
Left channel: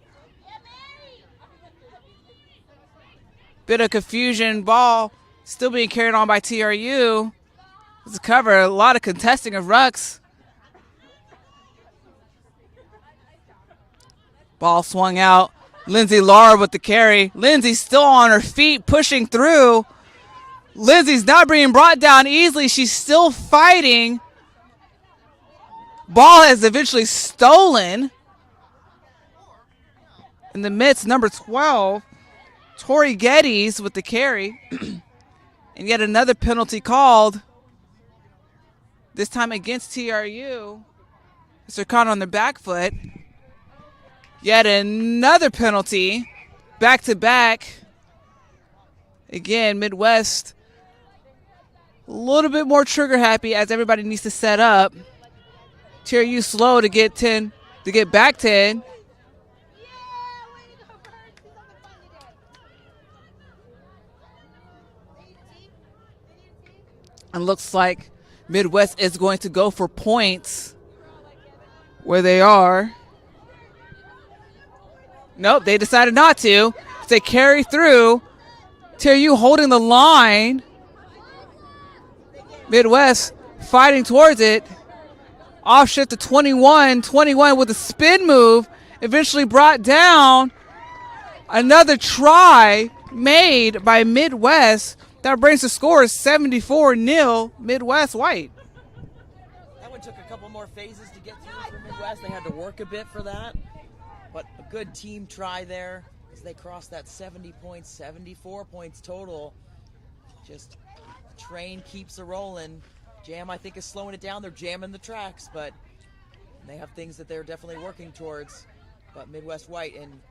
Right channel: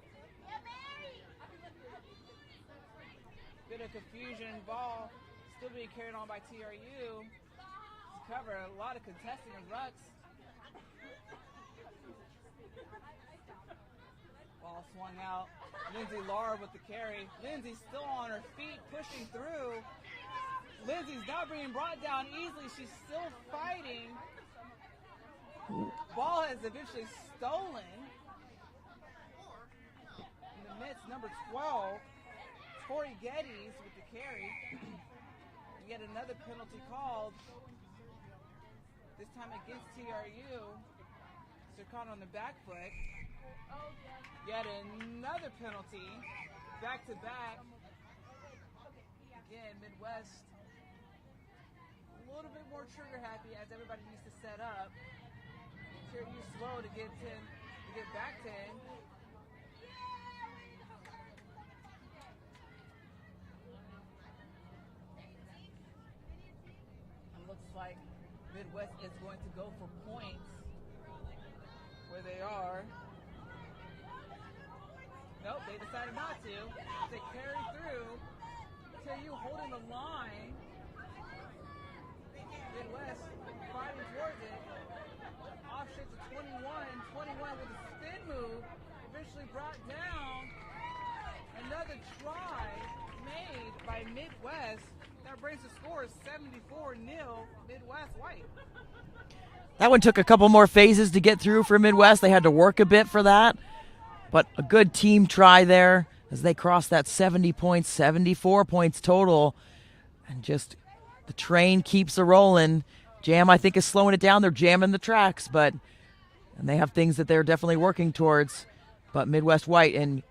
Bit of confusion. Ball still being carried on by TRU. It's a cover. A lot of contesting of rucks. Ball swung out. Lindsay Laura with the carry. Lindsay still on her feet, pushing through. Lindsay's not being brought down easily. She's still fighting. Ball has eventually stolen. In the midst, number 12, Tori Geddes with the carry. And yet another penalty called. This time against TRU. They're caught on the back foot. Yet another penalty, back to back. Again, Midwest, a little bit more trigger happy as everybody needs to set up. TRU slow to get back 10. And looks like Midwest is going to go for points where they are. Nope, they decided not to. They carry through. TRU holding the line. Midwest fighting towards it. Off shift to 21. 21 with a spin move. Eventually brought down. Another try made by Midwest. That brings the score 74-0 Midwest White. That one took a couple more phases to get through for Midwest. They had to work a bit for that. But a good team try there as they crossed that 70 points, 74 points total. And just the train keeps a rolling. Jam, I think, is slowing it down. They're jamming the tracks, and they have things that they're definitely working towards. But Midwest White in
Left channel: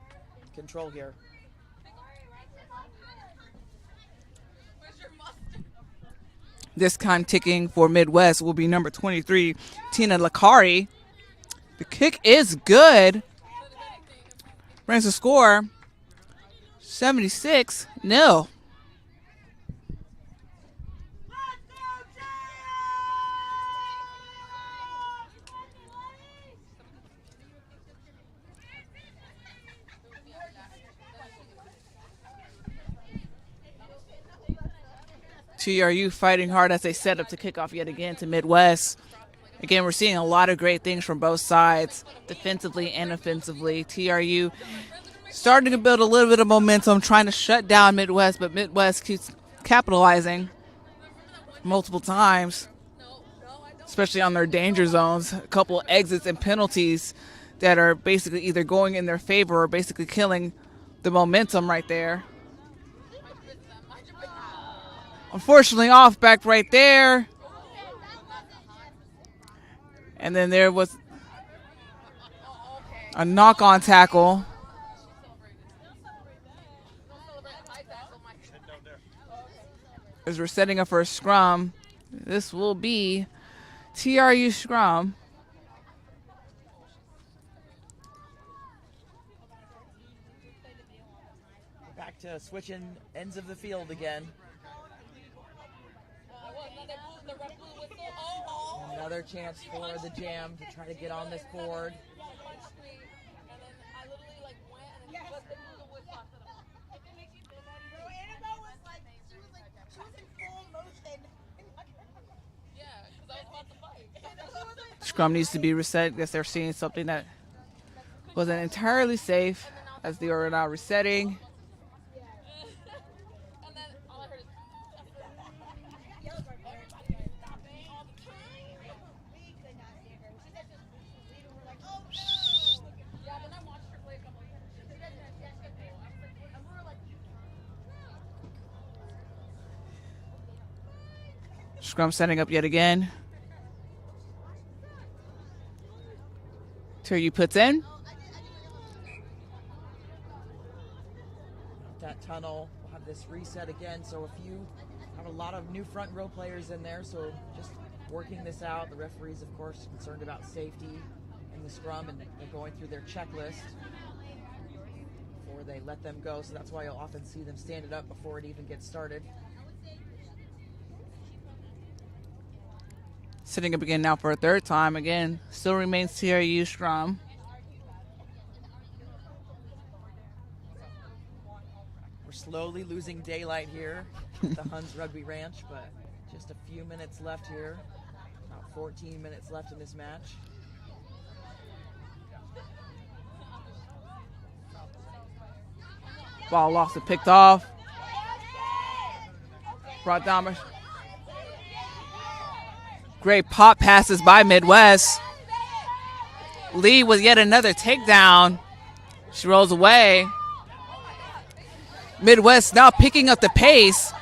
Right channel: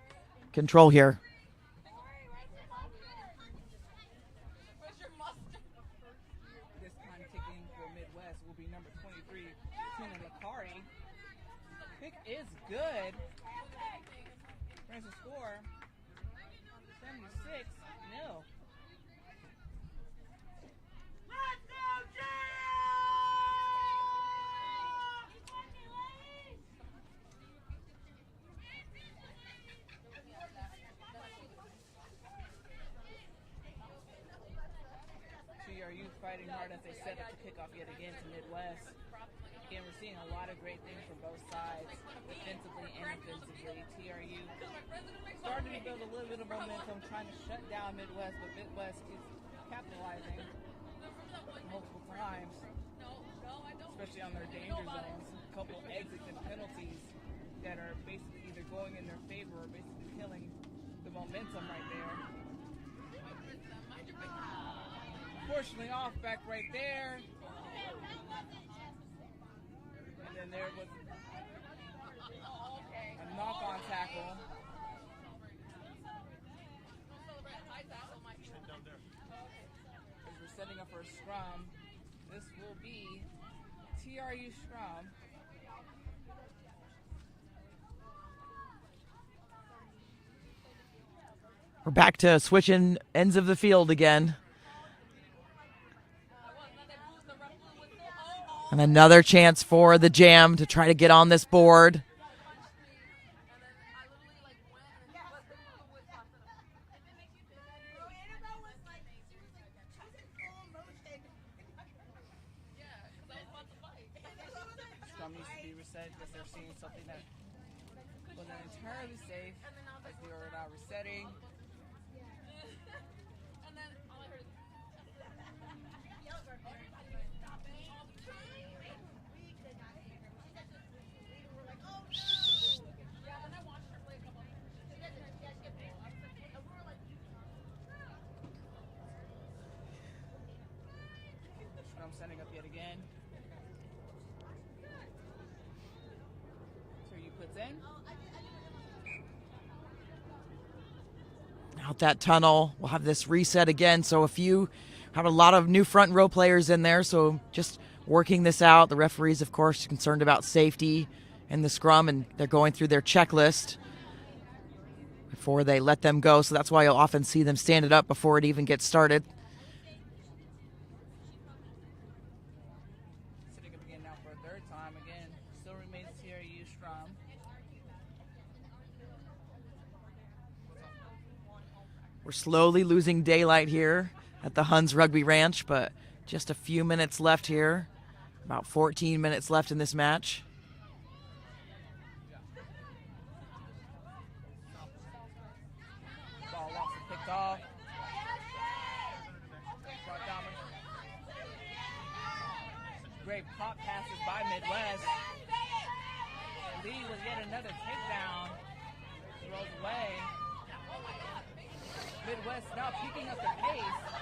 control here. This time ticking for Midwest will be number 23, Tina Lakari. The kick is good. Brings the score 76-0. TRU fighting hard as they set up to kick off yet again to Midwest. Again, we're seeing a lot of great things from both sides, defensively and offensively. TRU starting to build a little bit of momentum, trying to shut down Midwest, but Midwest keeps capitalizing multiple times, especially on their danger zones. A couple exits and penalties that are basically either going in their favor or basically killing the momentum right there. Unfortunately, off back right there. And then there was a knock-on tackle. As we're setting up for a scrum, this will be TRU scrum. We're back to switching ends of the field again. And another chance for the Jam to try to get on this board. Scrum needs to be reset. I guess they're seeing something that wasn't entirely safe as they are now resetting. Scrum setting up yet again. TRU puts in. Out that tunnel. We'll have this reset again. So if you have a lot of new front row players in there, so just working this out. The referees, of course, concerned about safety in the scrum, and they're going through their checklist before they let them go. So that's why you'll often see them stand it up before it even gets started. Sitting up again now for a third time. Again, still remains TRU scrum. We're slowly losing daylight here at the Huns Rugby Ranch, but just a few minutes left here. About 14 minutes left in this match. Ball lost and picked off. Brought down. Great pop passes by Midwest. Lee with yet another takedown. She rolls away. Midwest now picking up the pace,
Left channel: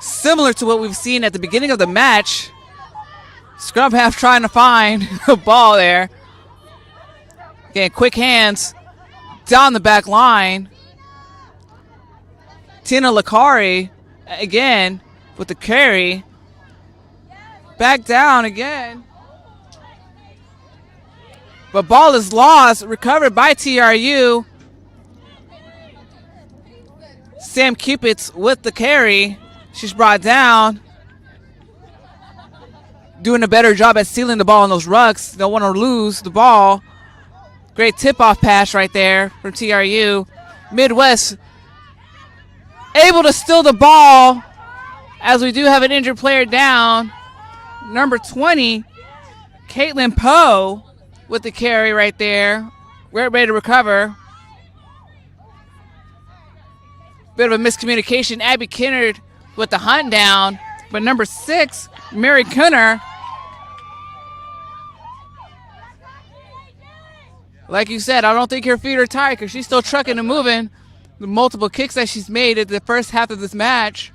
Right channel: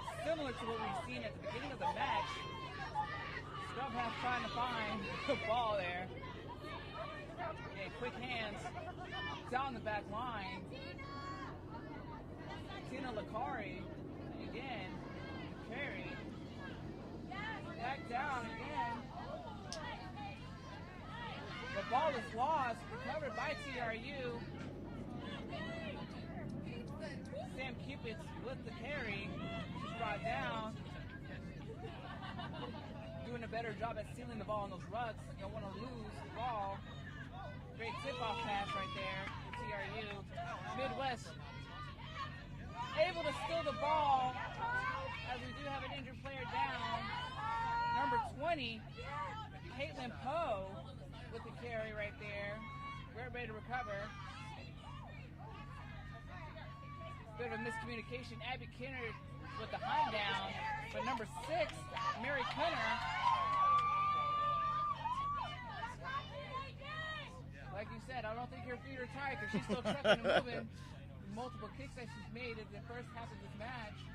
similar to what we've seen at the beginning of the match. Scrum half trying to find the ball there. Again, quick hands down the back line. Tina Lakari again with the carry. Back down again. But ball is lost, recovered by TRU. Sam Cupid's with the carry. She's brought down. Doing a better job at sealing the ball in those rucks. Don't want to lose the ball. Great tip-off pass right there from TRU. Midwest able to steal the ball as we do have an injured player down. Number 20, Caitlin Poe with the carry right there. We're ready to recover. Bit of a miscommunication. Abby Kennard with the hunt down. But number 6, Mary Kunner, like you said, I don't think her feet are tired because she's still trucking and moving. The multiple kicks that she's made at the first half of this match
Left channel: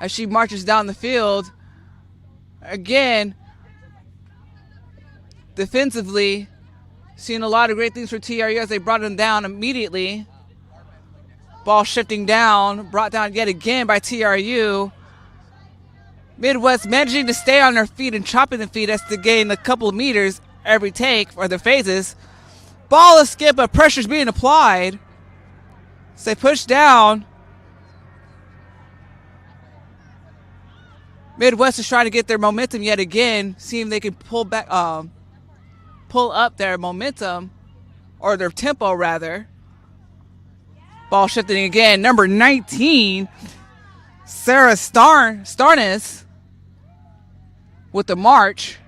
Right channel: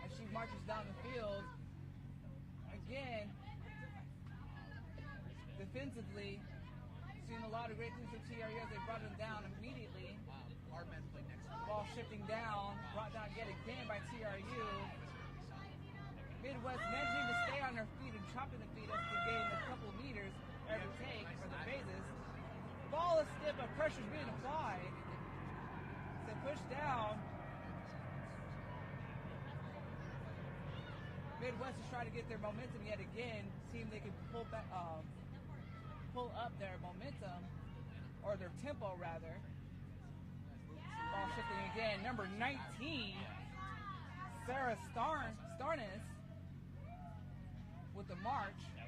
as she marches down the field. Again, defensively, seeing a lot of great things for TRU as they brought them down immediately. Ball shifting down, brought down yet again by TRU. Midwest managing to stay on their feet and chopping the feet as to gain a couple of meters every take for their phases. Ball is skip, but pressure's being applied. So they push down. Midwest is trying to get their momentum yet again, seeing if they can pull back, pull up their momentum, or their tempo rather. Ball shifting again. Number 19, Sarah Starnes with the march,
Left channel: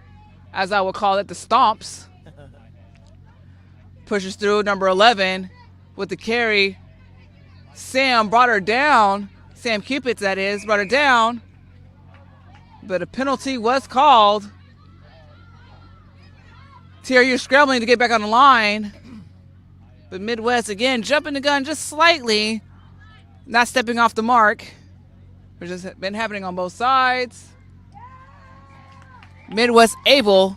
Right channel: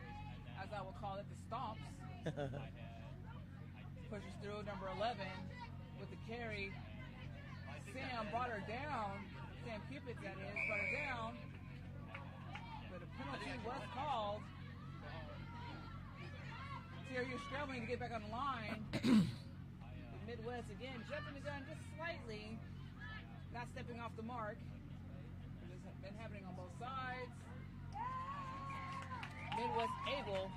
as I would call it, the stomps. Pushes through. Number 11 with the carry. Sam brought her down. Sam Cupid, that is, brought her down. But a penalty was called. TRU scrambling to get back on the line. But Midwest, again, jumping the gun just slightly. Not stepping off the mark. Which has been happening on both sides. Midwest able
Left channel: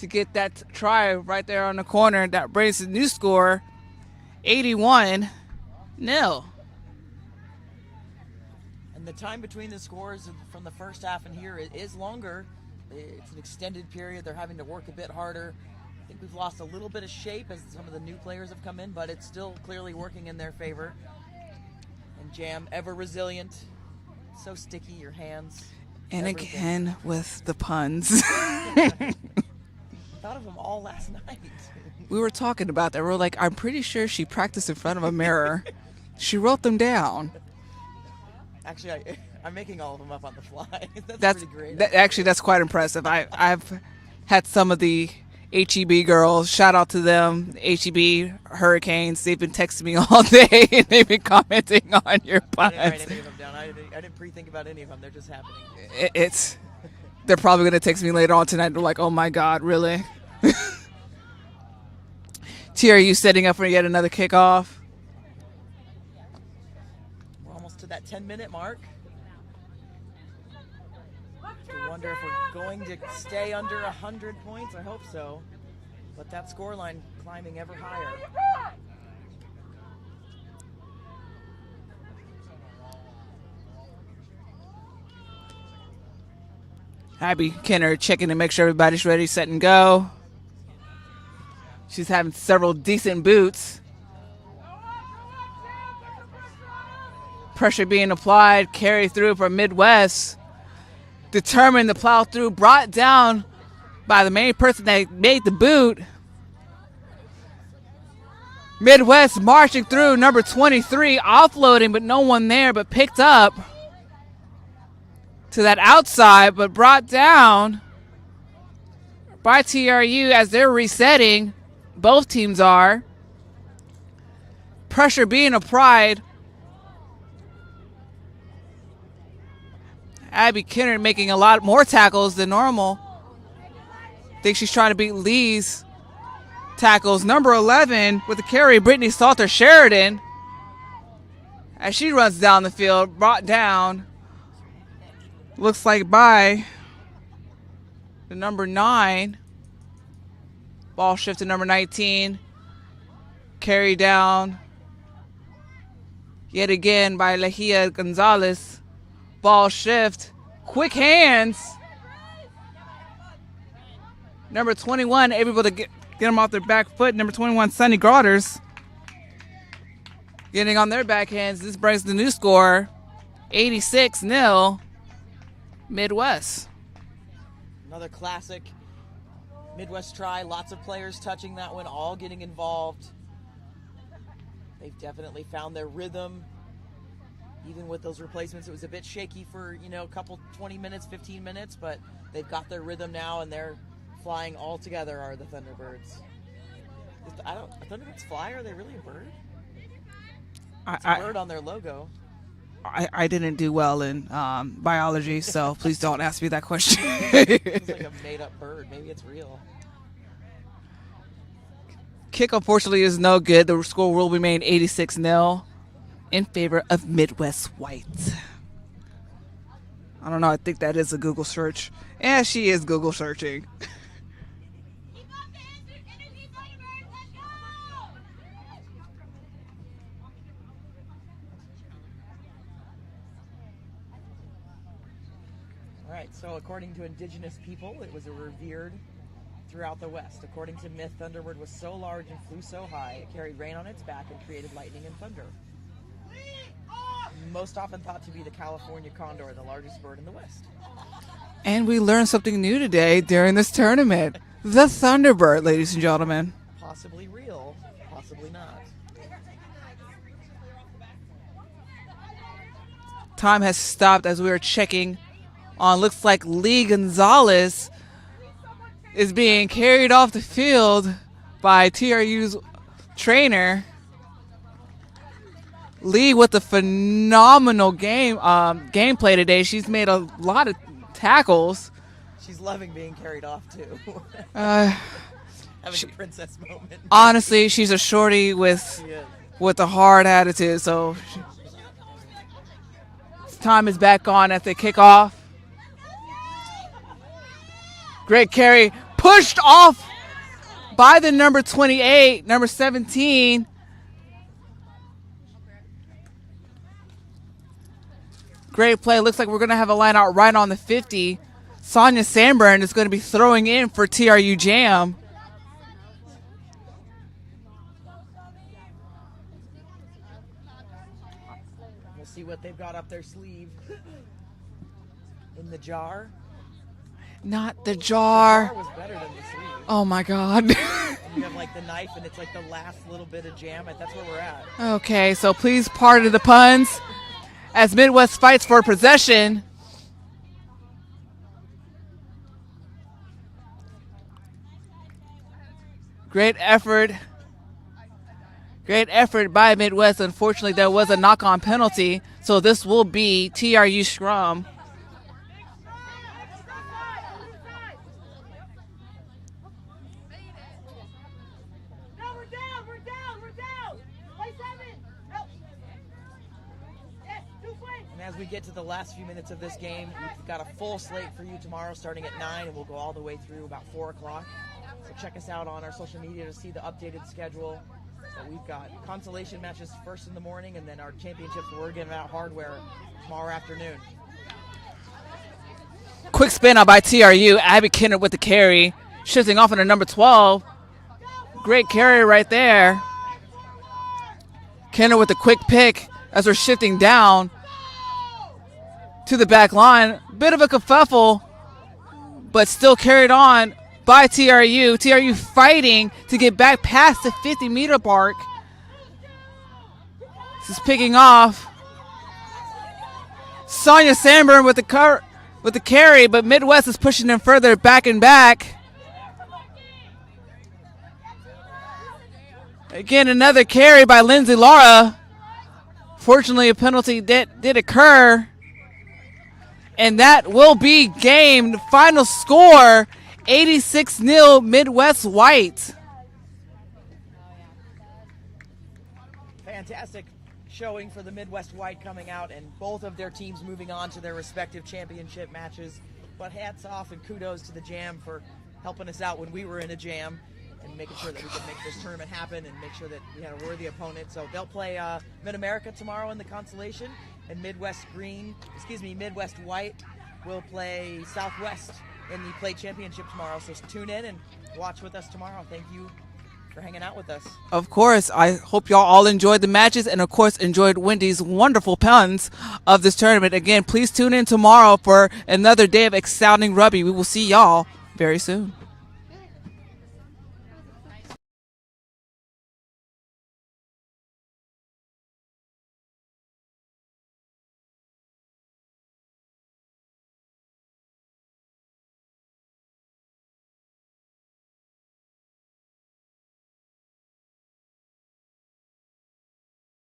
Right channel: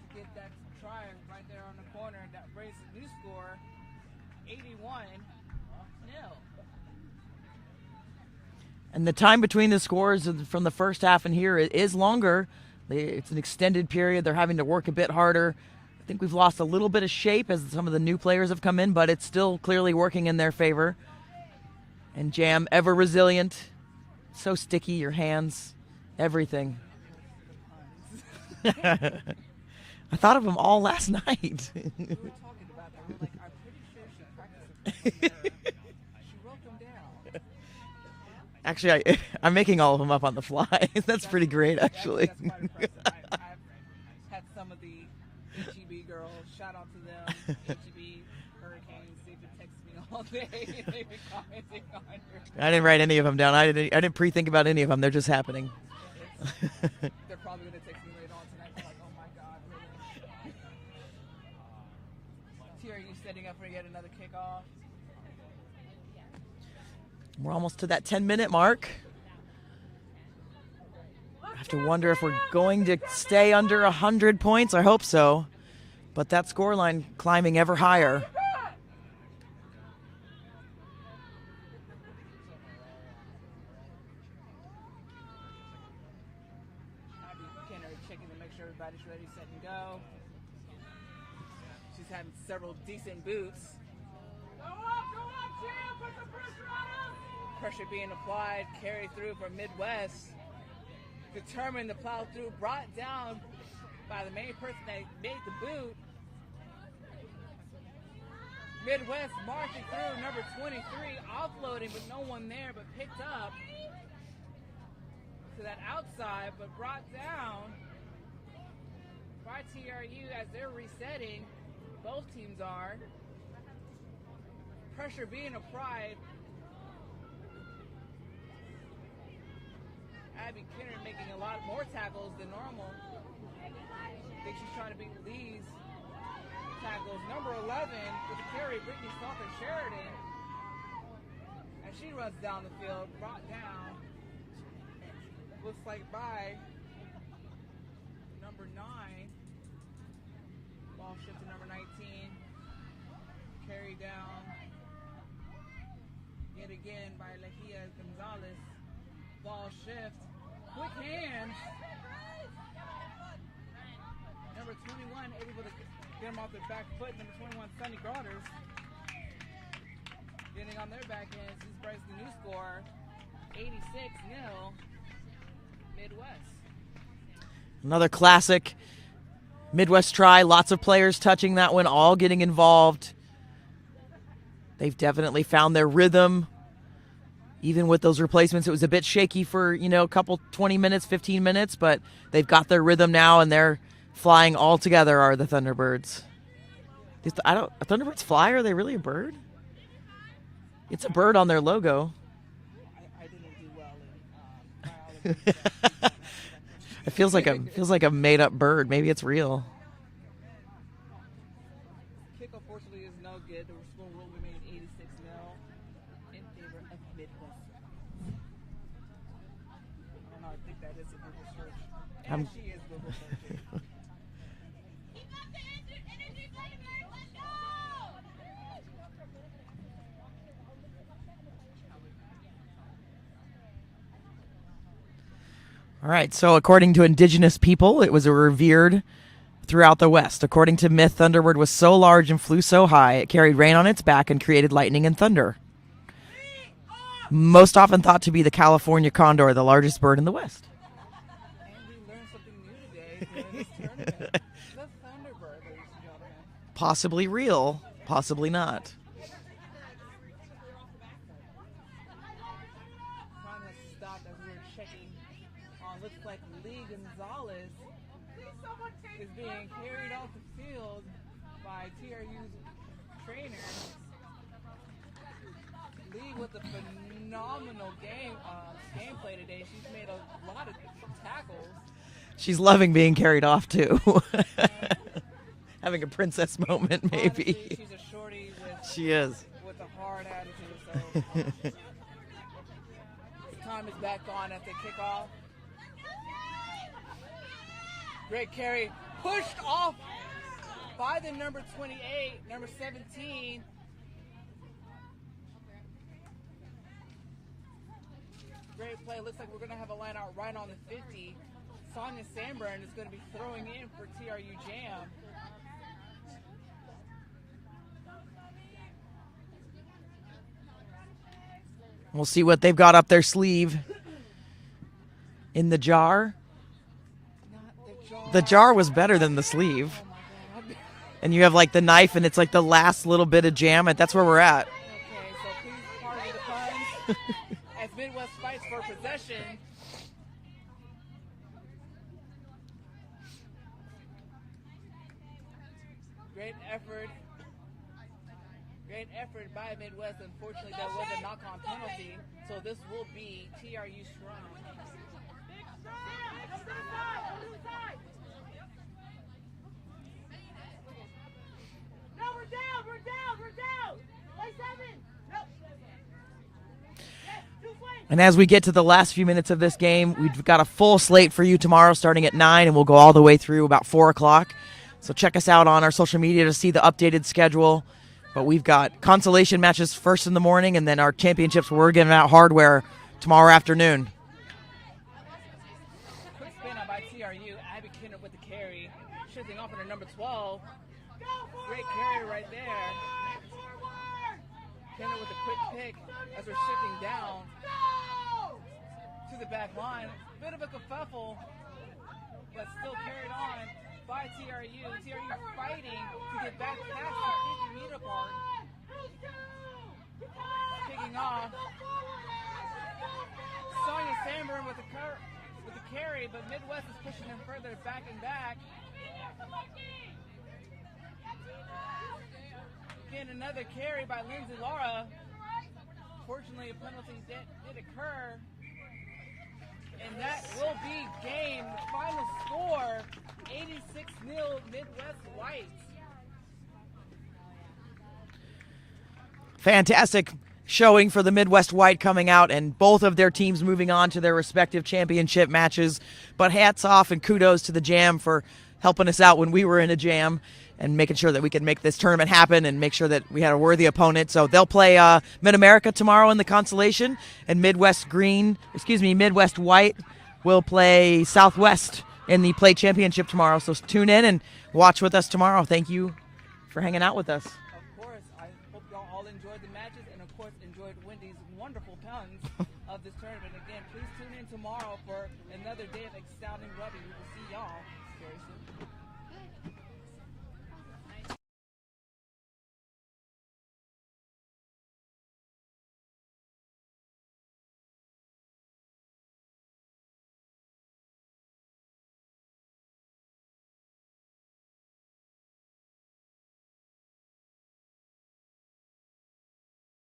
to get that try right there on the corner. That brings the new score, 81-0. And the time between the scores from the first half and here is longer. It's an extended period. They're having to work a bit harder. I think we've lost a little bit of shape as some of the new players have come in, but it's still clearly working in their favor. And Jam, ever resilient, so sticky, your hands, and everything. Again with the puns. I thought of them all last night. We were talking about that. We were like, I'm pretty sure she practiced in front of a mirror. She wrote them down. Actually, I'm making all of them up on the fly. That's pretty great. Actually, that's quite impressive. I've had some of the HEB girls, shout out to them, HEB Hurricanes. They've been texting me all day and they've been commenting on your podcast. I didn't write any of them down. I didn't pre-think about any of them. They're just happening. They're probably going to text me later on tonight. They're like, oh my God, really? TRU setting up for yet another kickoff. We're almost to that 10-minute mark. I have to wonder if we're going to stay under 100 points. I hope so. But that scoreline climbing ever higher. Abby Kenner checking to make sure everybody's ready, set, and go. She's having several decent boots. Pressure being applied, carry through from Midwest. Determined to plow through, brought down by the main person that made the boot. Midwest marching through, number 23, offloading, but no one there, but picked up to that outside, but brought down by TRU as they're resetting. Both teams are. Pressure being applied. Abby Kenner making a lot more tackles than normal. Think she's trying to beat Lee's tackles. Number 11 with the carry, Brittany Salter Sheridan. As she runs down the field, brought down. Looks like by the number 9. Ball shift to number 19. Carry down. Yet again by Lehia Gonzalez. Ball shift. Quick hands. Number 21 able to get them off their back foot. Number 21, Sunny Grauters. Getting on their backhands. This brings the new score, 86-0. Midwest. Another classic Midwest try. Lots of players touching that one, all getting involved. They've definitely found their rhythm. even with those replacements, it was a bit shaky for, a couple 20 minutes, 15 minutes, but they've got their rhythm now, and they're flying all together, are the Thunderbirds. Are Thunderbirds fly? Are they really a bird? It's a bird on their logo. I didn't do well in biology, so please don't ask me that question. It feels like a made-up bird. Maybe it's real. Kick, unfortunately, is no good. The score will remain 86-0 in favor of Midwest White. I don't know. I think that is a Google search. Yeah, she is Google searching. All right, so according to indigenous people, it was revered throughout the West. According to myth, Thunderbird was so large and flew so high, it carried rain on its back and created lightning and thunder. Most often thought to be the California condor, the largest bird in the West. And we learned something new today during this tournament. The Thunderbird, ladies and gentlemen. Possibly real, possibly not. Time has stopped as we are checking on. Looks like Lee Gonzalez is being carried off the field by TRU's trainer. Lee with a phenomenal gameplay today. She's made a lot of tackles. She's loving being carried off too. Having a princess moment. Maybe. Honestly, she's a shorty with a hard attitude. So time is back on at the kickoff. Great carry, pushed off by the number 28, number 17. Great play. Looks like we're going to have a line out right on the 50. Sonia Sanborn is going to be throwing in for TRU Jam. We'll see what they've got up their sleeve. In the jar. Not the jar. The jar was better than the sleeve. Oh, my God. And you have like the knife, and it's like the last little bit of jam. That's where we're at. Okay, so please pardon the puns as Midwest fights for possession. Great effort. Great effort by Midwest. Unfortunately, there was a knock-on penalty, so this will be TRU scrum. And as we get to the last few minutes of this game, we've got a full slate for you tomorrow starting at 9, and we'll go all the way through about 4 o'clock. So check us out on our social media to see the updated schedule. But we've got consolation matches first in the morning, and then our championships where we're giving out hardware tomorrow afternoon. Quick spin out by TRU. Abby Kennard with the carry. Shifting off into number 12. Great carry right there. Kennard with a quick pick as we're shifting down to the back line. Bit of a kerfuffle, but still carried on by TRU. TRU fighting to get back past the 50-meter mark. This is picking off. Sonia Sanborn with the carry, but Midwest is pushing them further back and back. Again, another carry by Lindsay Lara. Fortunately, a penalty did occur. And that will be game. The final score, 86-0 Midwest White. Fantastic showing for the Midwest White coming out, and both of their teams moving on to their respective championship matches. But hats off and kudos to the Jam for helping us out when we were in a jam and making sure that we could make this tournament happen and make sure that we had a worthy opponent. So they'll play Mid-America tomorrow in the consolation, and Midwest White will play Southwest in the play championship tomorrow. So tune in and watch with us tomorrow. Thank you for hanging out with us. Of course. I hope y'all all enjoyed the matches and, of course, enjoyed Wendy's wonderful puns of this tournament. Again, please tune in tomorrow for another day of exciting rugby. We will see y'all very soon.